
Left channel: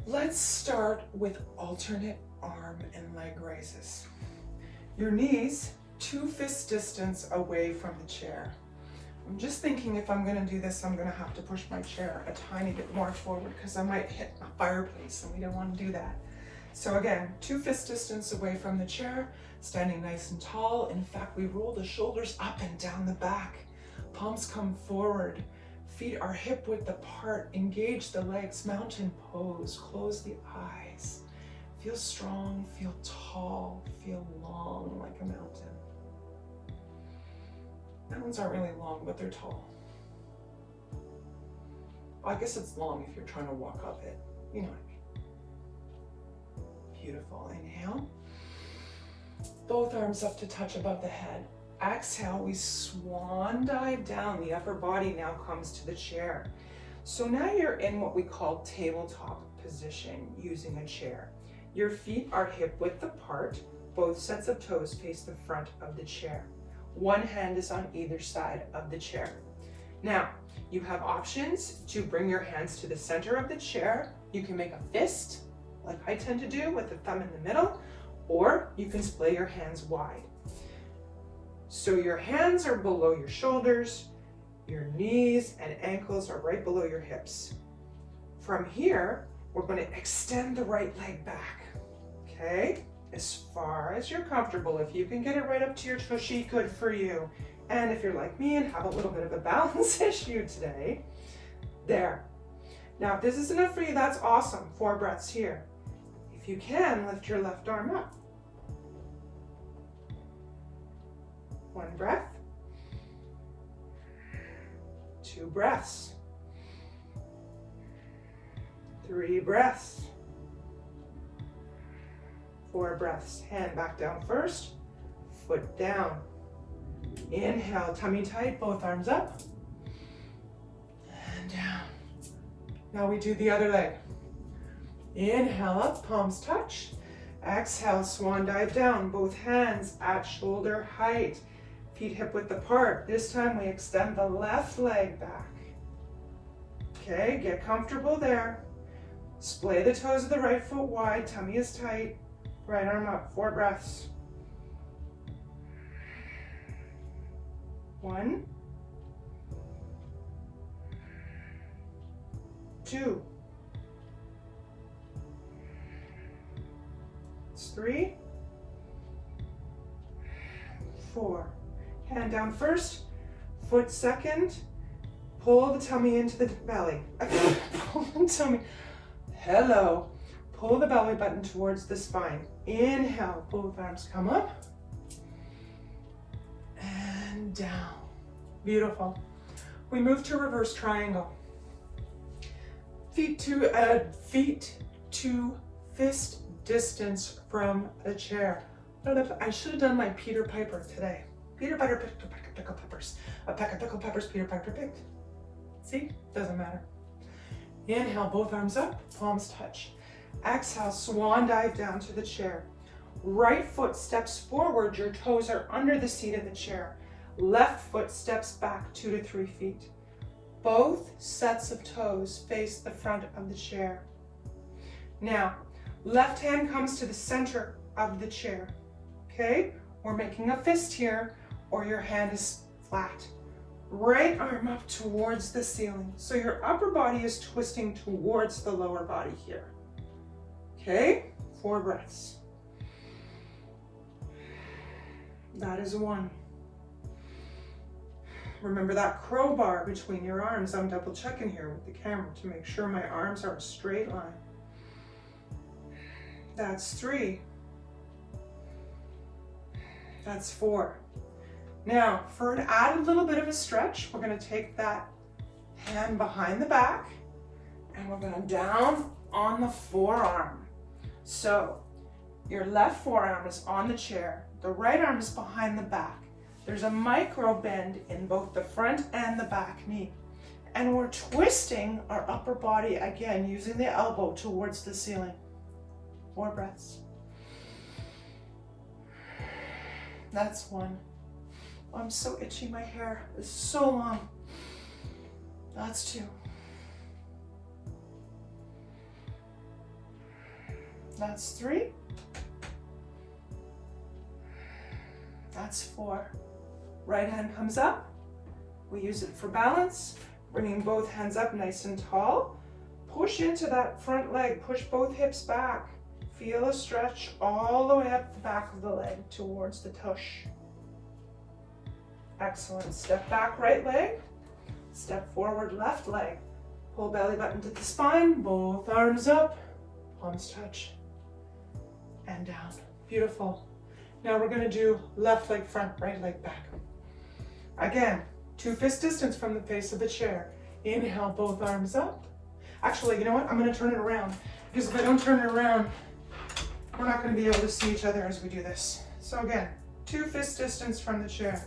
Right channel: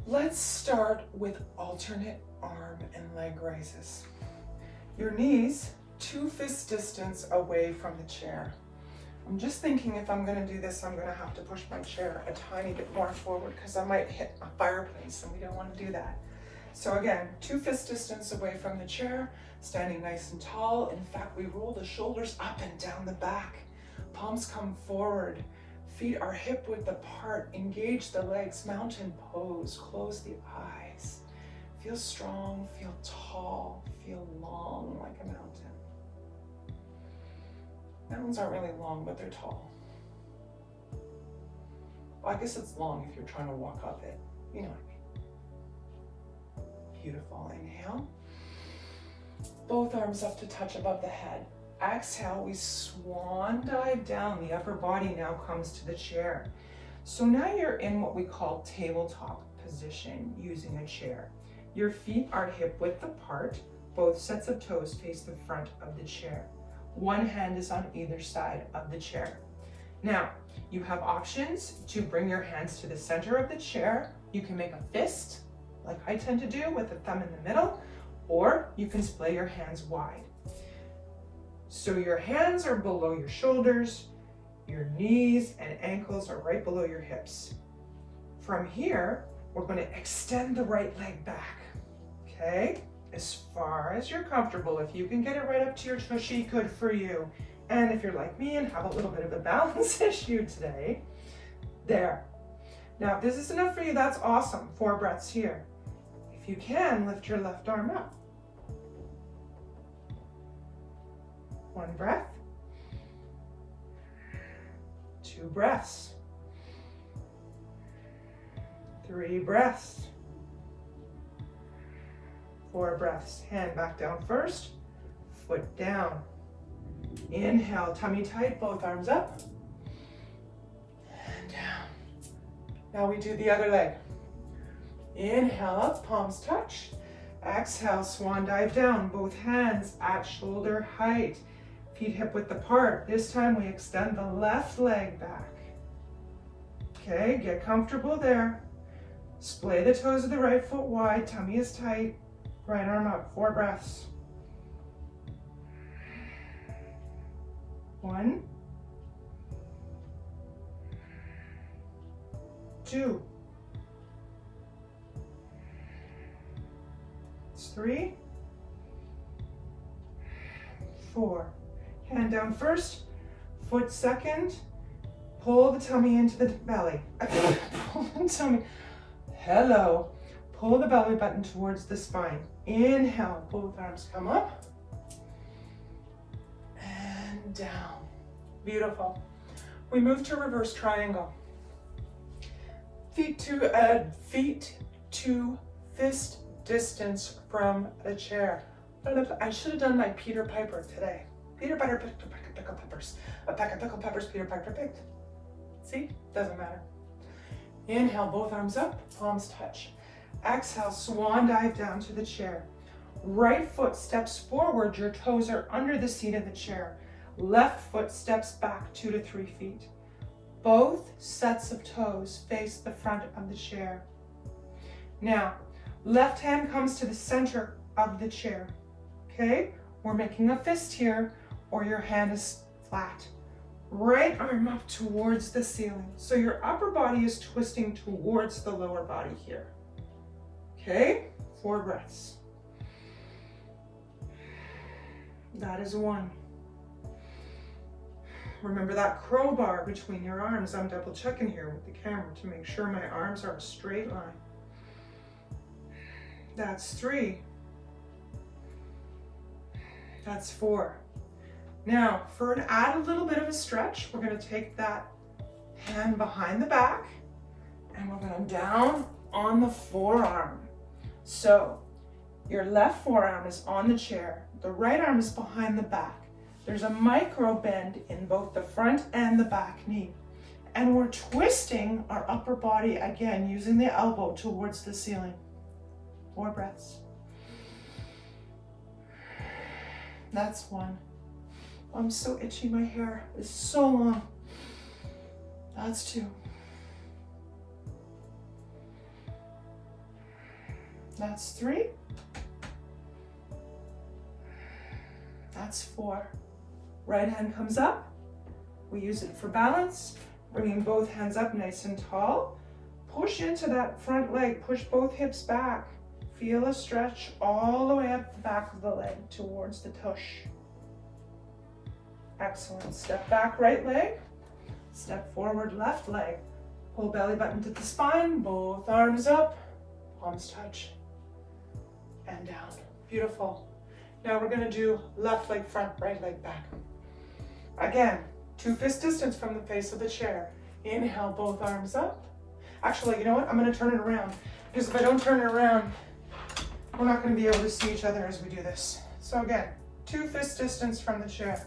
Let's start with alternate arm and leg raises. Your knees 2 fist distance away from the chair. I'm just thinking if I'm going to do this, I'm going to have to push my chair a tiny bit more forward because I might hit a fireplace and we don't want to do that. So again, 2 fist distance away from the chair, standing nice and tall. In fact, we roll the shoulders up and down the back. Palms come forward. Feet are hip width apart. Engage the legs. Mountain pose. Close the eyes. Feel strong. Feel tall. Feel long like a mountain. Mountains aren't really long, but they're tall. Well, I guess it's long if you're trying to walk up it. You know what I mean. Beautiful. Inhale. Both arms up to touch above the head. Exhale, we swan dive down. The upper body now comes to the chair. So now you're in what we call tabletop position using a chair. Your feet are hip width apart. Both sets of toes face the front of the chair. One hand is on either side of the chair. Now, you have options to bring your hands to the center of the chair. You can make a fist, like I tend to do with the thumb in the middle, or you can splay your hands wide. So your hands are below your shoulders, your knees and ankles are right below your hips. From here, we're going to extend the right leg back, okay? As far as you're comfortable. If you can get it right up to your tushy, good for you. And if you're like me and have a little bit of a balance issue today, there. Now, if this is enough for you, that's awesome. 4 breaths here. If you can, lift your left arm up. 1 breath. 2 breaths. 3 breaths. 4 breaths. Hand back down first. Foot down. Inhale, tummy tight, both arms up. And down. Now we do the other leg. Inhale up, palms touch. Exhale, swan dive down, both hands at shoulder height. Feet hip width apart. This time we extend the left leg back. Okay, get comfortable there. Splay the toes of the right foot wide, tummy is tight. Right arm up, 4 breaths. 1, 2, 3, 4. Hand down first, foot second. Pull the tummy into the belly. Pull the tummy. Hello. Pull the belly button towards the spine. Inhale, both arms come up. And down. Beautiful. We move to reverse triangle. Feet to fist distance from a chair. I should have done my Peter Piper today. Peter Piper picked a peck of pickled peppers. A peck of pickled peppers Peter Piper picked. See? Doesn't matter. Inhale, both arms up, palms touch. Exhale, swan dive down to the chair. Right foot steps forward, your toes are under the seat of the chair. Left foot steps back 2 to 3 feet. Both sets of toes face the front of the chair. Now, left hand comes to the center of the chair. Okay? We're making a fist here, or your hand is flat. Right arm up towards the ceiling. So your upper body is twisting towards the lower body here. Okay? 4 breaths. That is 1. Remember that crowbar between your arms. I'm double checking here with the camera to make sure my arms are a straight line. That's 3. That's 4. Now, to add a little bit of a stretch, we're going to take that hand behind the back and we're going down on the forearm. So, your left forearm is on the chair. The right arm is behind the back. There's a micro bend in both the front and the back knee. And we're twisting our upper body again, using the elbow towards the ceiling. 4 breaths. That's 1. I'm so itchy, my hair is so long. That's 2. That's 3. That's 4. Right hand comes up. We use it for balance. Bringing both hands up nice and tall. Push into that front leg. Push both hips back. Feel a stretch all the way up the back of the leg towards the tush. Excellent. Step back, right leg. Step forward, left leg. Pull belly button to the spine. Both arms up. Palms touch. And down. Beautiful. Now we're going to do left leg front, right leg back. Again, 2 fist distance from the face of the chair. Inhale, both arms up. Actually, you know what? I'm going to turn it around, because if I don't turn it around, we're not going to be able to see each other as we do this. So again, 2 fist distance from the chair.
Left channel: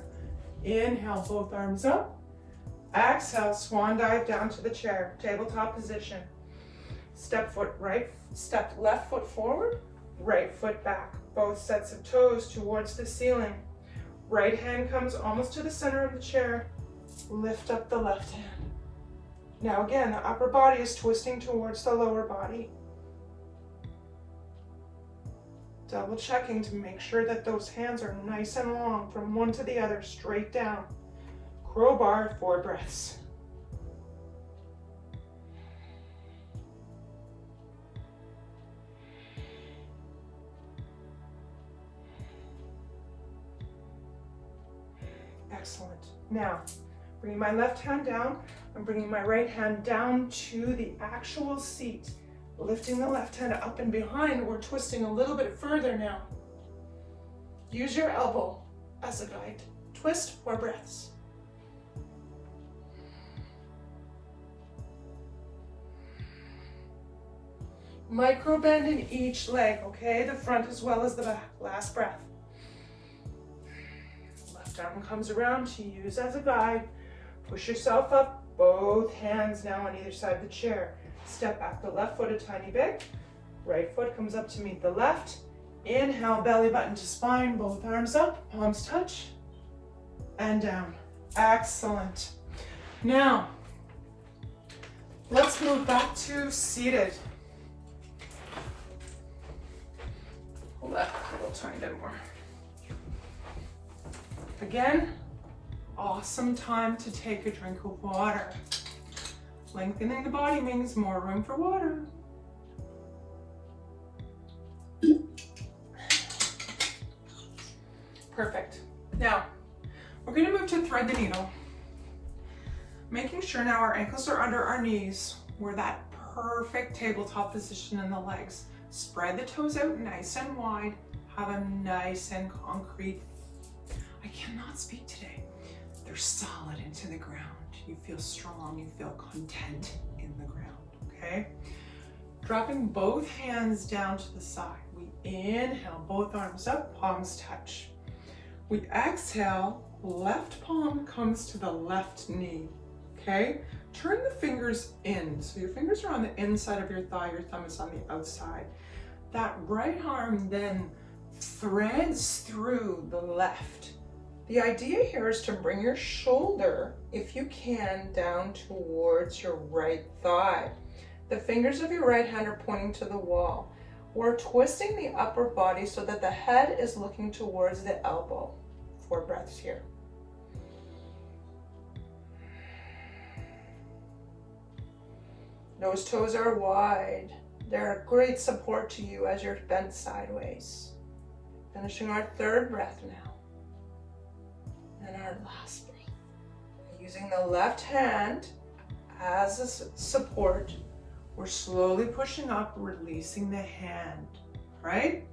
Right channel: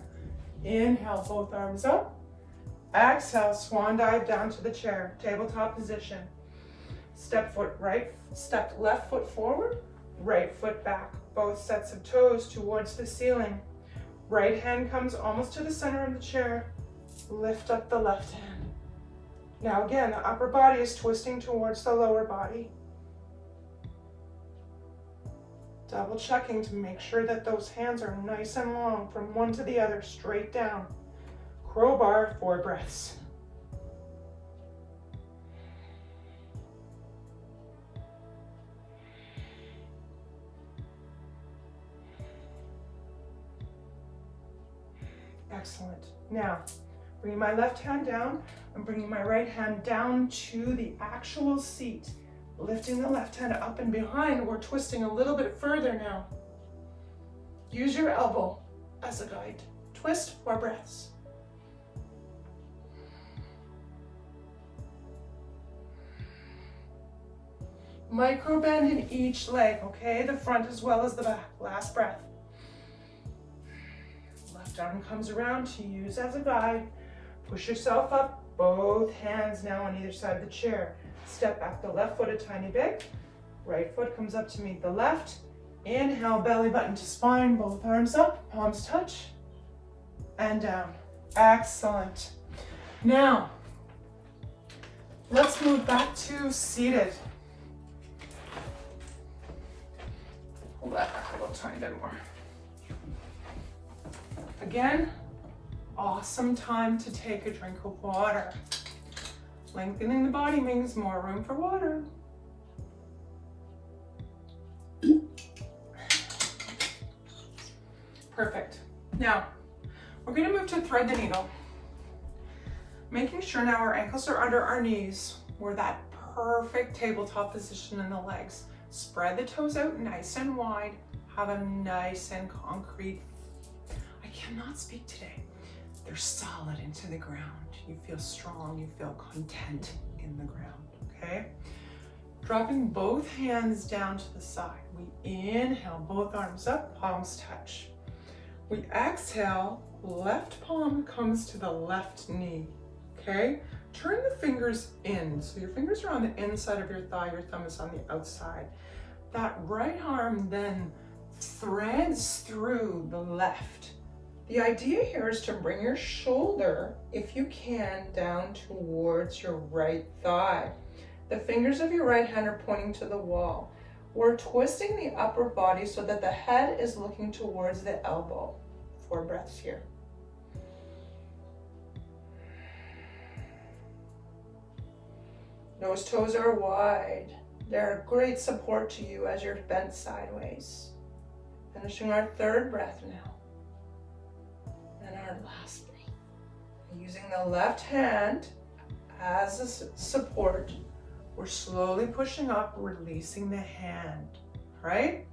Inhale, both arms up. Exhale, swan dive down to the chair, tabletop position. Step left foot forward, right foot back. Both sets of toes towards the ceiling. Right hand comes almost to the center of the chair. Lift up the left hand. Now again, the upper body is twisting towards the lower body. Double checking to make sure that those hands are nice and long from one to the other, straight down. Crowbar, 4 breaths. Excellent. Now, bring my left hand down. I'm bringing my right hand down to the actual seat. Lifting the left hand up and behind. We're twisting a little bit further now. Use your elbow as a guide. Twist, 4 breaths. Micro bend in each leg, okay? The front as well as the back. Last breath. Left arm comes around to use as a guide. Push yourself up. Both hands now on either side of the chair. Step back the left foot a tiny bit. Right foot comes up to meet the left. Inhale, belly button to spine. Both arms up. Palms touch. And down. Excellent. Now, let's move back to seated. Hold that back a little tiny bit more. Again, awesome time to take a drink of water. Lengthening the body means more room for water. Perfect. Now, we're going to move to thread the needle. Making sure now our ankles are under our knees. We're that perfect tabletop position in the legs. Spread the toes out nice and wide. Have a nice and concrete. I cannot speak today. They're solid into the ground. You feel strong, you feel content in the ground, okay? Dropping both hands down to the side. We inhale, both arms up, palms touch. We exhale, left palm comes to the left knee, okay? Turn the fingers in. So your fingers are on the inside of your thigh, your thumb is on the outside. That right arm then threads through the left. The idea here is to bring your shoulder, if you can, down towards your right thigh. The fingers of your right hand are pointing to the wall. We're twisting the upper body so that the head is looking towards the elbow. 4 breaths here. Those toes are wide. They're a great support to you as you're bent sideways. Finishing our 3rd breath now. And our last breath. Using the left hand as a support, we're slowly pushing up, releasing the hand, right?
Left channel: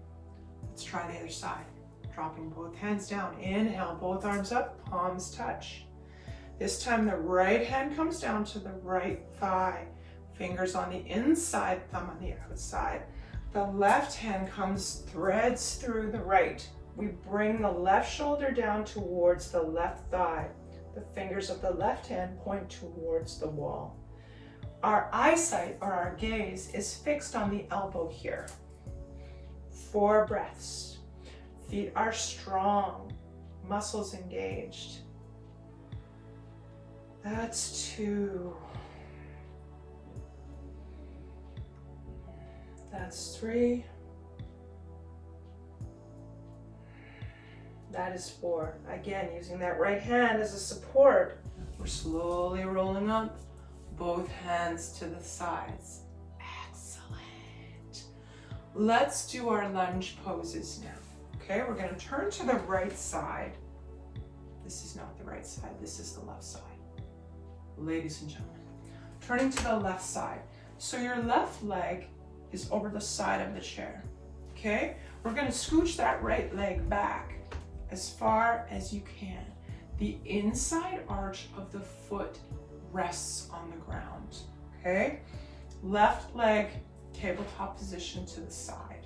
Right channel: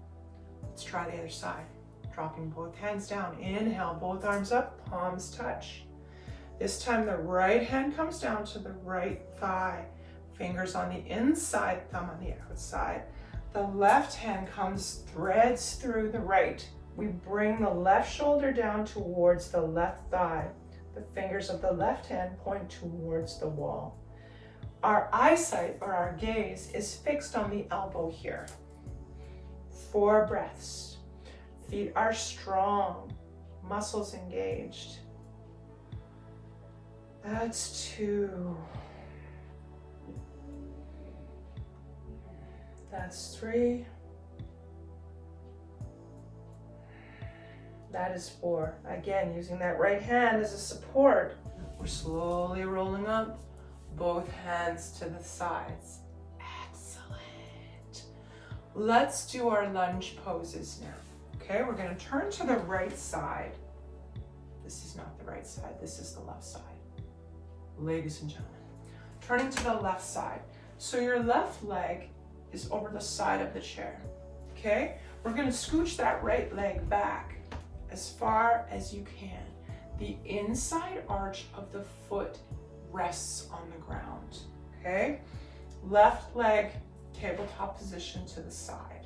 Let's try the other side. Dropping both hands down. Inhale, both arms up, palms touch. This time the right hand comes down to the right thigh. Fingers on the inside, thumb on the outside. The left hand threads through the right. We bring the left shoulder down towards the left thigh. The fingers of the left hand point towards the wall. Our eyesight or our gaze is fixed on the elbow here. 4 breaths. Feet are strong, muscles engaged. That's 2. That's 3. That is 4. Again, using that right hand as a support. We're slowly rolling up both hands to the sides. Excellent. Let's do our lunge poses now. Okay, we're going to turn to the right side. This is not the right side, this is the left side. Ladies and gentlemen, turning to the left side. So your left leg is over the side of the chair. Okay, we're going to scooch that right leg back as far as you can. The inside arch of the foot rests on the ground. Okay, left leg tabletop position to the side.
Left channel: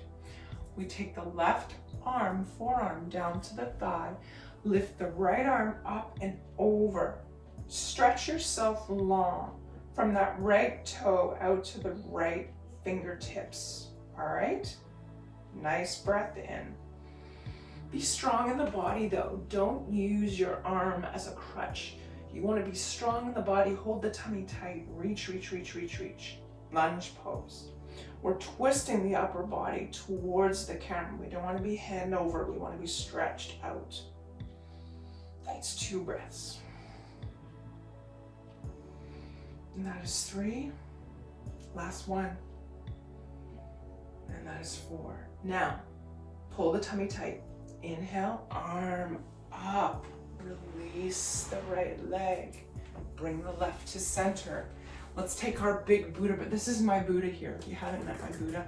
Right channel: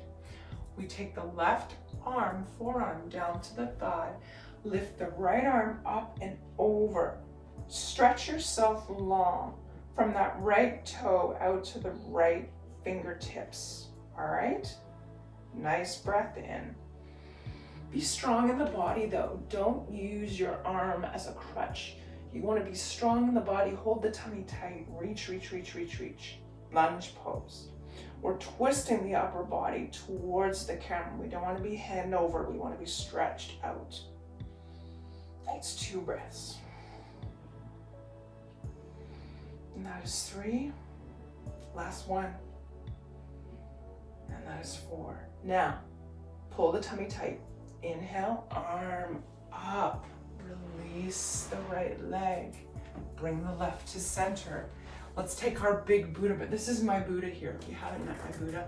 We take the left arm, forearm down to the thigh, lift the right arm up and over. Stretch yourself long from that right toe out to the right fingertips. All right, nice breath in. Be strong in the body though. Don't use your arm as a crutch. You want to be strong in the body. Hold the tummy tight. Reach, reach, reach, reach, reach. Lunge pose. We're twisting the upper body towards the camera. We don't want to be hand over. We want to be stretched out. That's 2 breaths. And that is 3. Last one. And that is 4. Now, pull the tummy tight. Inhale, arm up. Release the right leg. Bring the left to center. Let's take our big Buddha, but this is my Buddha here. If you haven't met my Buddha,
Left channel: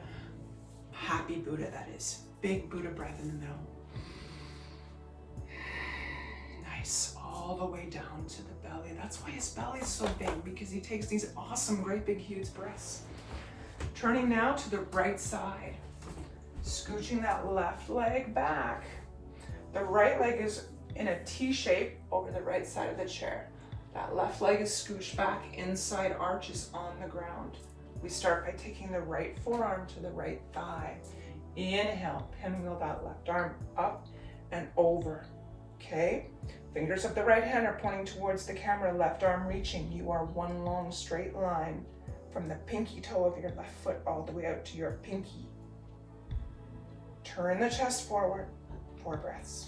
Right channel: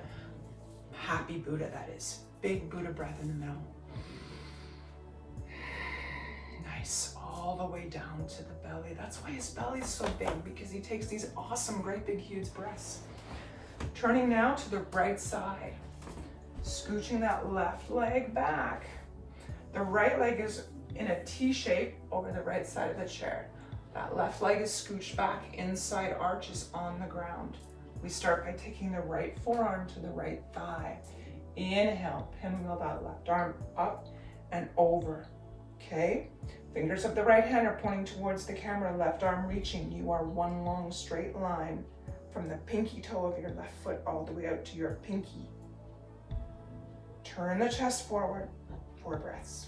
happy Buddha that is. Big Buddha breath in the middle. Nice, all the way down to the belly. That's why his belly is so big, because he takes these awesome, great big, huge breaths. Turning now to the right side. Scooching that left leg back. The right leg is in a T shape over the right side of the chair. That left leg is scooched back, inside arch is on the ground. We start by taking the right forearm to the right thigh. Inhale, pinwheel that left arm up and over. Okay, fingers of the right hand are pointing towards the camera, left arm reaching. You are one long straight line from the pinky toe of your left foot all the way out to your pinky. Turn the chest forward, 4 breaths.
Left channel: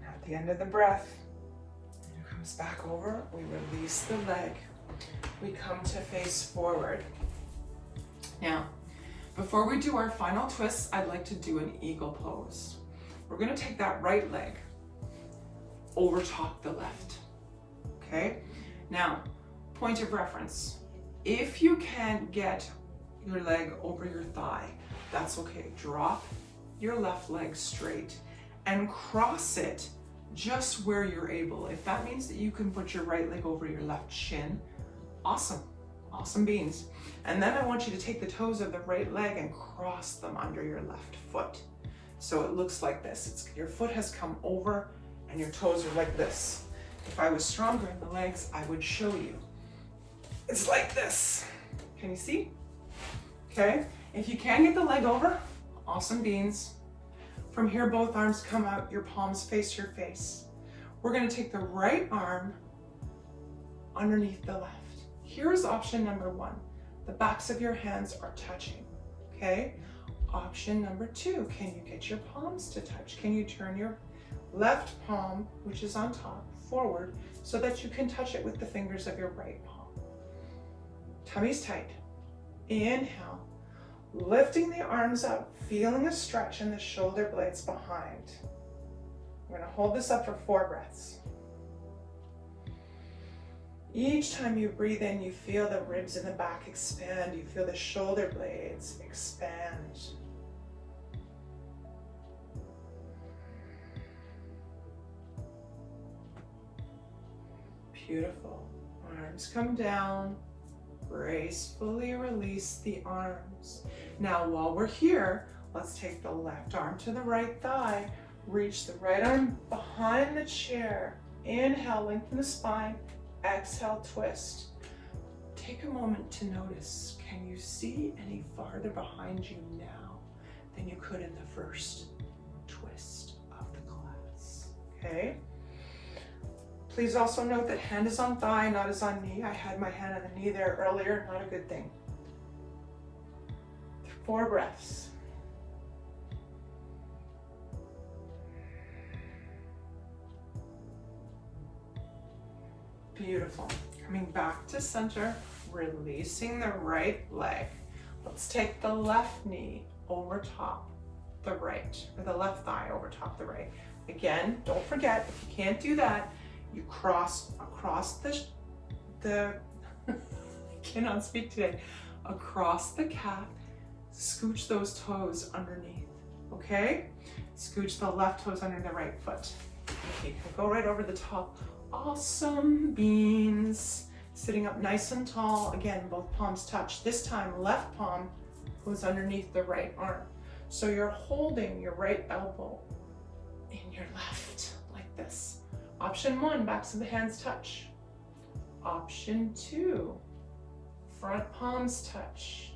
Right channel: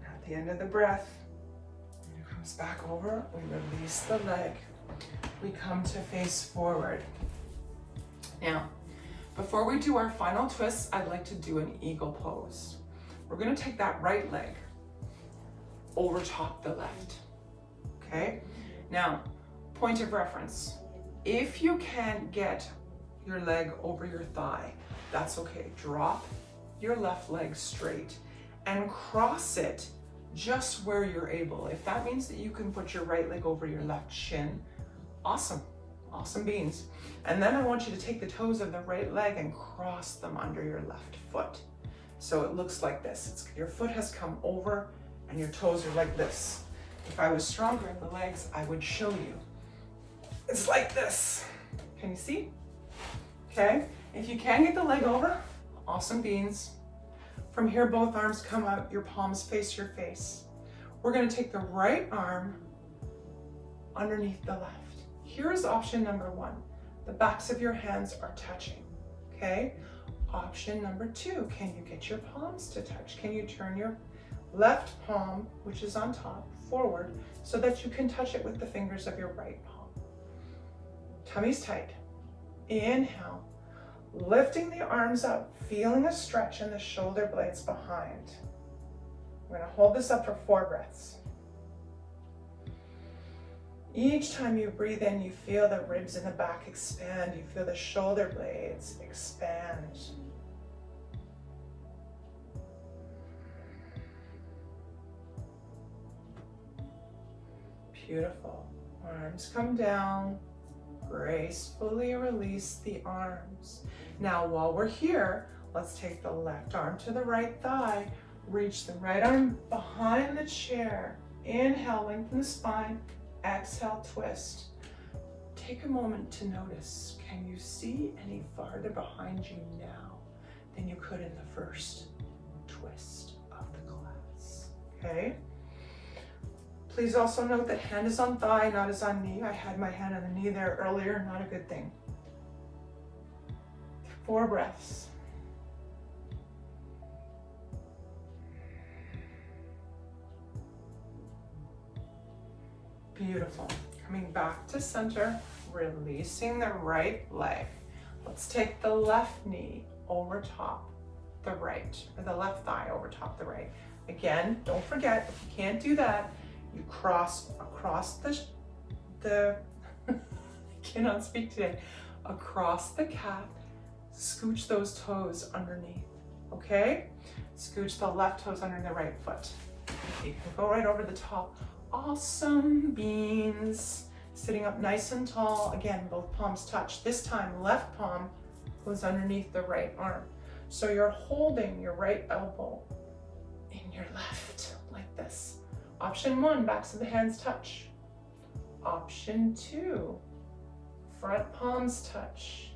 Now at the end of the breath, it comes back over, we release the leg. We come to face forward. Now, before we do our final twists, I'd like to do an eagle pose. We're gonna take that right leg over top the left, okay? Now, point of reference. If you can't get your leg over your thigh, that's okay. Drop your left leg straight and cross it just where you're able. If that means that you can put your right leg over your left shin, awesome, awesome beans. And then I want you to take the toes of the right leg and cross them under your left foot. So it looks like this. Your foot has come over and your toes are like this. If I was stronger in the legs, I would show you. It's like this. Can you see? Okay. If you can get the leg over, awesome beans. From here, both arms come out, your palms face your face. We're gonna take the right arm underneath the left. Here's option number 1. The backs of your hands are touching, okay? Option number 2, can you get your palms to touch? Can you turn your left palm, which is on top, forward so that you can touch it with the fingers of your right palm? Tummy's tight. Inhale, lifting the arms up, feeling a stretch in the shoulder blades behind. I'm gonna hold this up for 4 breaths. Each time you breathe in, you feel the ribs in the back expand. You feel the shoulder blades expand. Beautiful. Arms come down. Gracefully release the arms. Now while we're here, let's take the left arm to the right thigh. Reach the right arm behind the chair. Inhale, lengthen the spine. Exhale, twist. Take a moment to notice, can you see any farther behind you now than you could in the first twist of the class? Okay? Please also note that hand is on thigh, not as on knee. I had my hand on the knee there earlier, not a good thing. 4 breaths. Beautiful. Coming back to center, releasing the right leg. Let's take the left knee over top the right, or the left thigh over top the right. Again, don't forget, if you can't do that, you cross across the I cannot speak today, across the calf, scooch those toes underneath, okay? Scooch the left toes under the right foot. You can go right over the top. Awesome beans. Sitting up nice and tall. Again, both palms touch. This time, left palm goes underneath the right arm. So you're holding your right elbow in your left, like this. Option 1, backs of the hands touch. Option 2, front palms touch.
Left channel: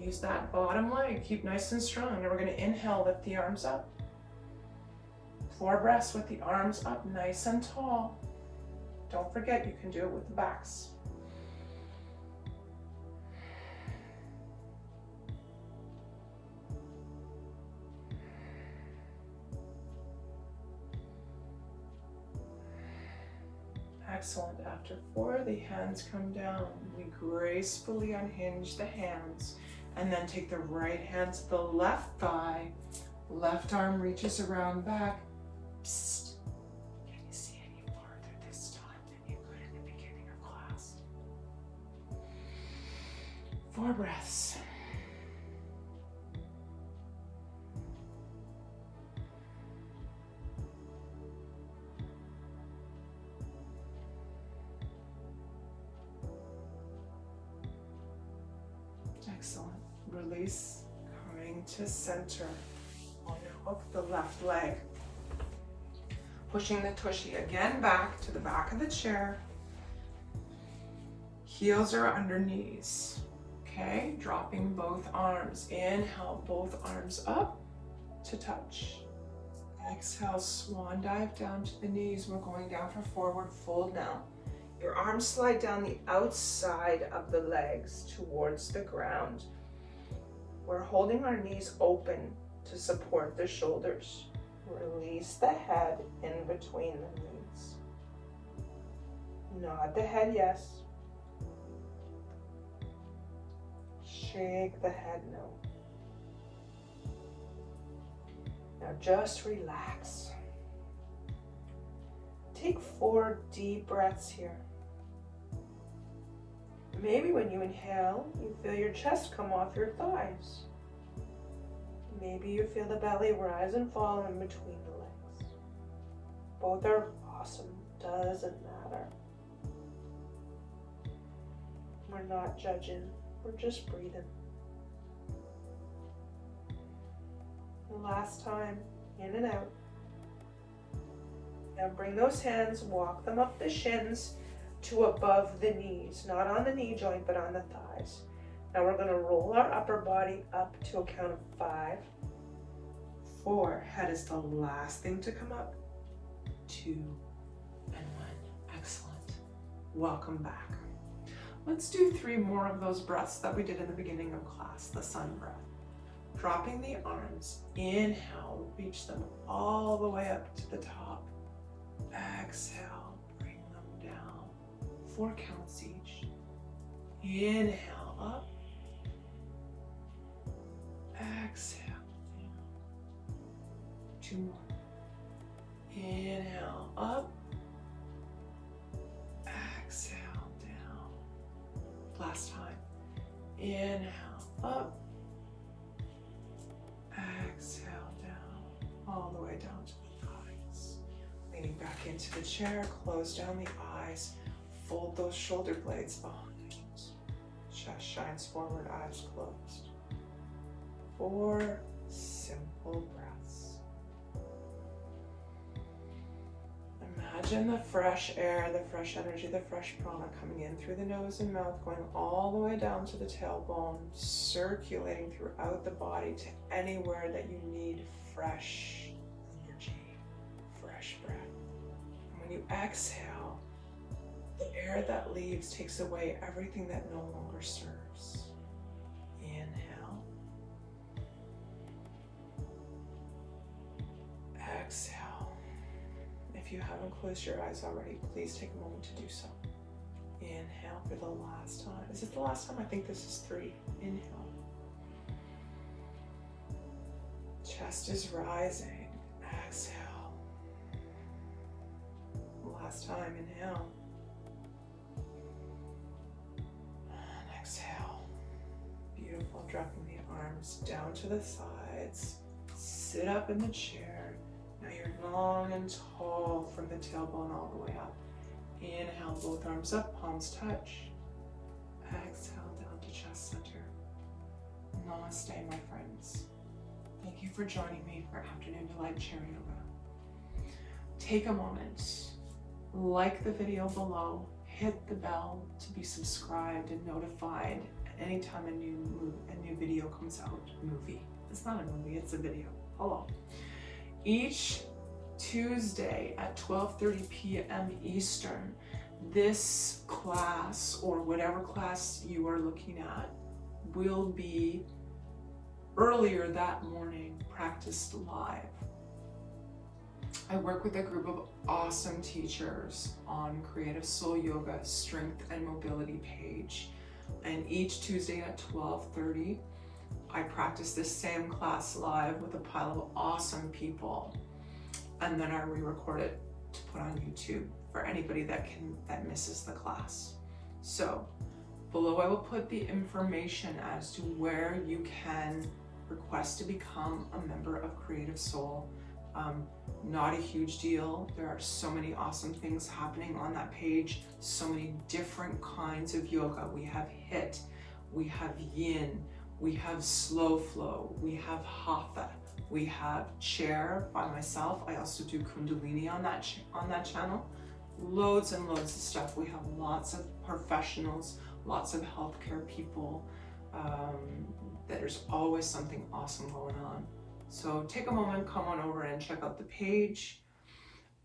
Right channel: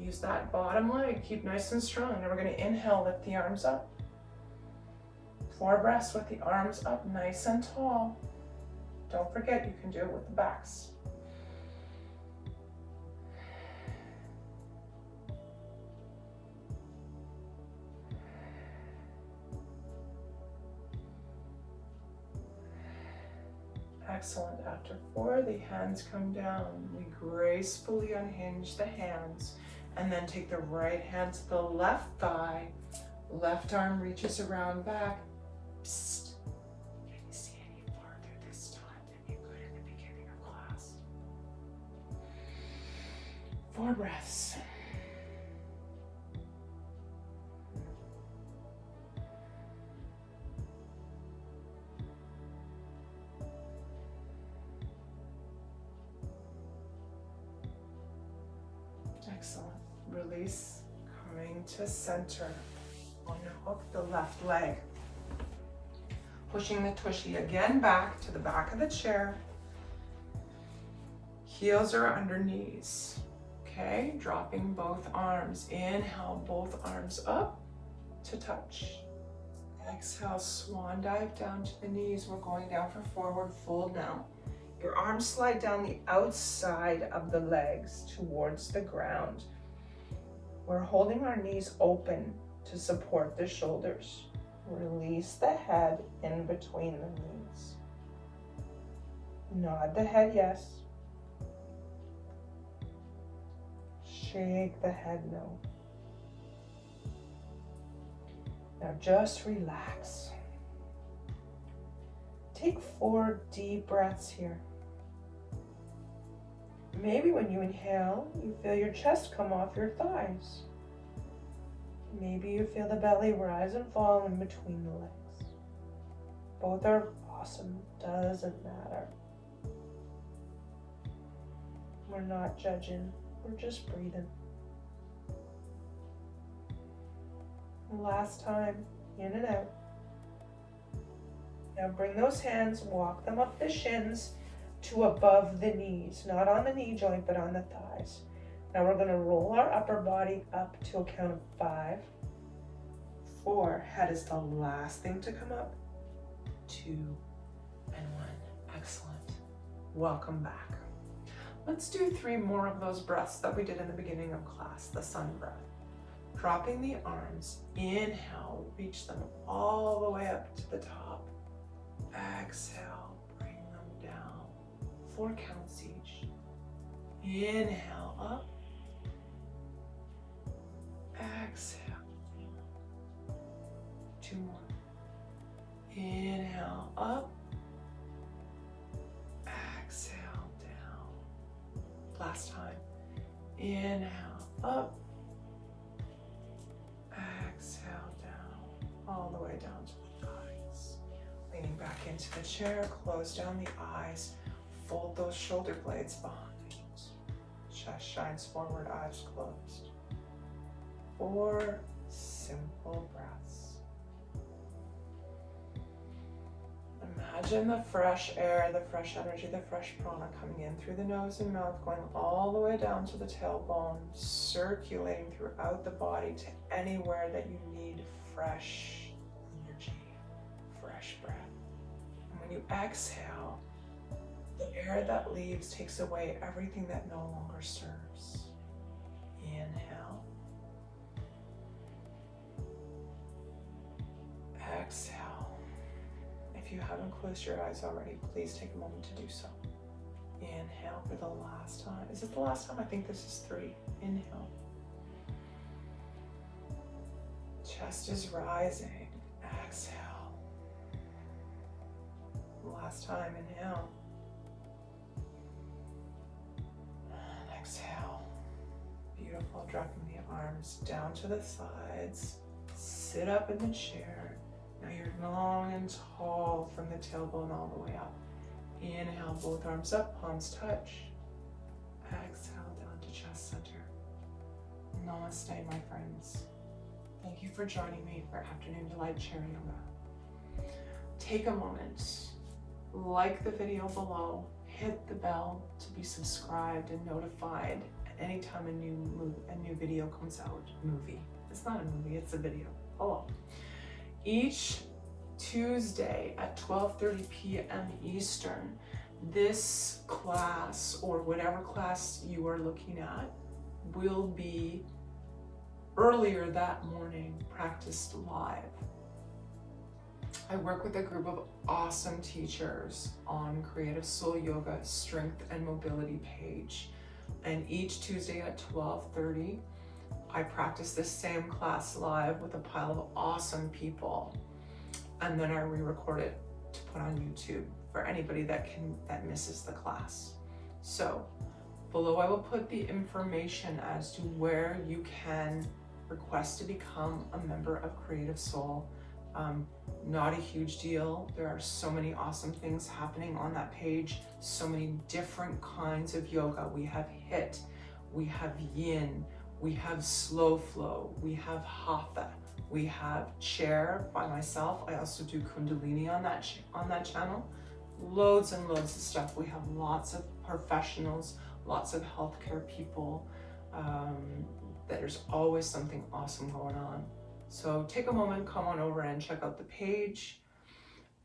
Use that bottom leg, keep nice and strong. And we're gonna inhale, lift the arms up. 4 breaths with the arms up, nice and tall. Don't forget, you can do it with the backs. Excellent. After 4, the hands come down. We gracefully unhinge the hands and then take the right hand to the left thigh. Left arm reaches around back. Psst. Can you see any farther this time than you could in the beginning of class? 4 breaths. Excellent. Release, coming to center. Unhook the left leg. Pushing the tushy again back to the back of the chair. Heels are under knees. Okay, dropping both arms. Inhale, both arms up to touch. Exhale, swan dive down to the knees. We're going down for forward fold now. Your arms slide down the outside of the legs towards the ground. We're holding our knees open to support the shoulders. Release the head in between the knees. Nod the head yes. Shake the head no. Now just relax. Take 4 deep breaths here. Maybe when you inhale, you feel your chest come off your thighs. Maybe you feel the belly rise and fall in between the legs. Both are awesome, doesn't matter. We're not judging, we're just breathing. And last time, in and out. Now bring those hands, walk them up the shins to above the knees, not on the knee joint, but on the thighs. Now we're gonna roll our upper body up to a count of 5, 4, head is the last thing to come up, 2, and 1, excellent. Welcome back. Let's do 3 more of those breaths that we did in the beginning of class, the sun breath. Dropping the arms, inhale, reach them all the way up to the top. Exhale, bring them down. 4 counts each. Inhale up. Exhale. 2 more. Inhale up. Exhale down. Last time. Inhale up. Exhale down. All the way down to the thighs. Leaning back into the chair, close down the eyes. Fold those shoulder blades behind. Chest shines forward, eyes closed. 4 simple breaths. Imagine the fresh air, the fresh energy, the fresh prana coming in through the nose and mouth, going all the way down to the tailbone, circulating throughout the body to anywhere that you need fresh energy, fresh breath. And when you exhale, the air that leaves takes away everything that no longer serves. Inhale. Exhale. If you haven't closed your eyes already, please take a moment to do so. Inhale for the last time. Is it the last time? I think this is 3. Inhale. Chest is rising. Exhale. Last time, inhale. And exhale. Beautiful. Dropping the arms down to the sides. Sit up in the chair. Now you're long and tall from the tailbone all the way up. Inhale, both arms up, palms touch. Exhale down to chest center. Namaste, my friends. Thank you for joining me for Afternoon Delight Chair Yoga. Take a moment, like the video below, hit the bell to be subscribed and notified anytime a new video comes out. Movie. It's not a movie, it's a video. Hello. Each Tuesday at 12:30 p.m. Eastern, this class, or whatever class you are looking at, will be earlier that morning, practiced live. I work with a group of awesome teachers on Creative Soul Yoga Strength and Mobility page. And each Tuesday at 12:30, I practice this same class live with a pile of awesome people. And then I re-record it to put on YouTube for anybody that misses the class. So below I will put the information as to where you can request to become a member of Creative Soul. Not a huge deal. There are so many awesome things happening on that page. So many different kinds of yoga. We have HIIT, we have Yin, we have slow flow, we have Hatha, we have chair by myself. I also do Kundalini on that channel. Loads and loads of stuff. We have lots of professionals, lots of healthcare people. There's always something awesome going on. So take a moment, come on over and check out the page.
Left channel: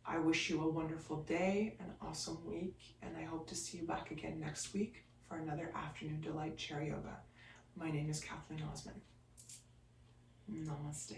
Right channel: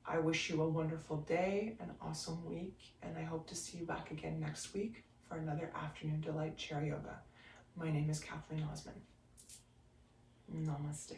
I wish you a wonderful day, an awesome week, and I hope to see you back again next week for another Afternoon Delight Chair Yoga. My name is Kathleen Osmond. Namaste.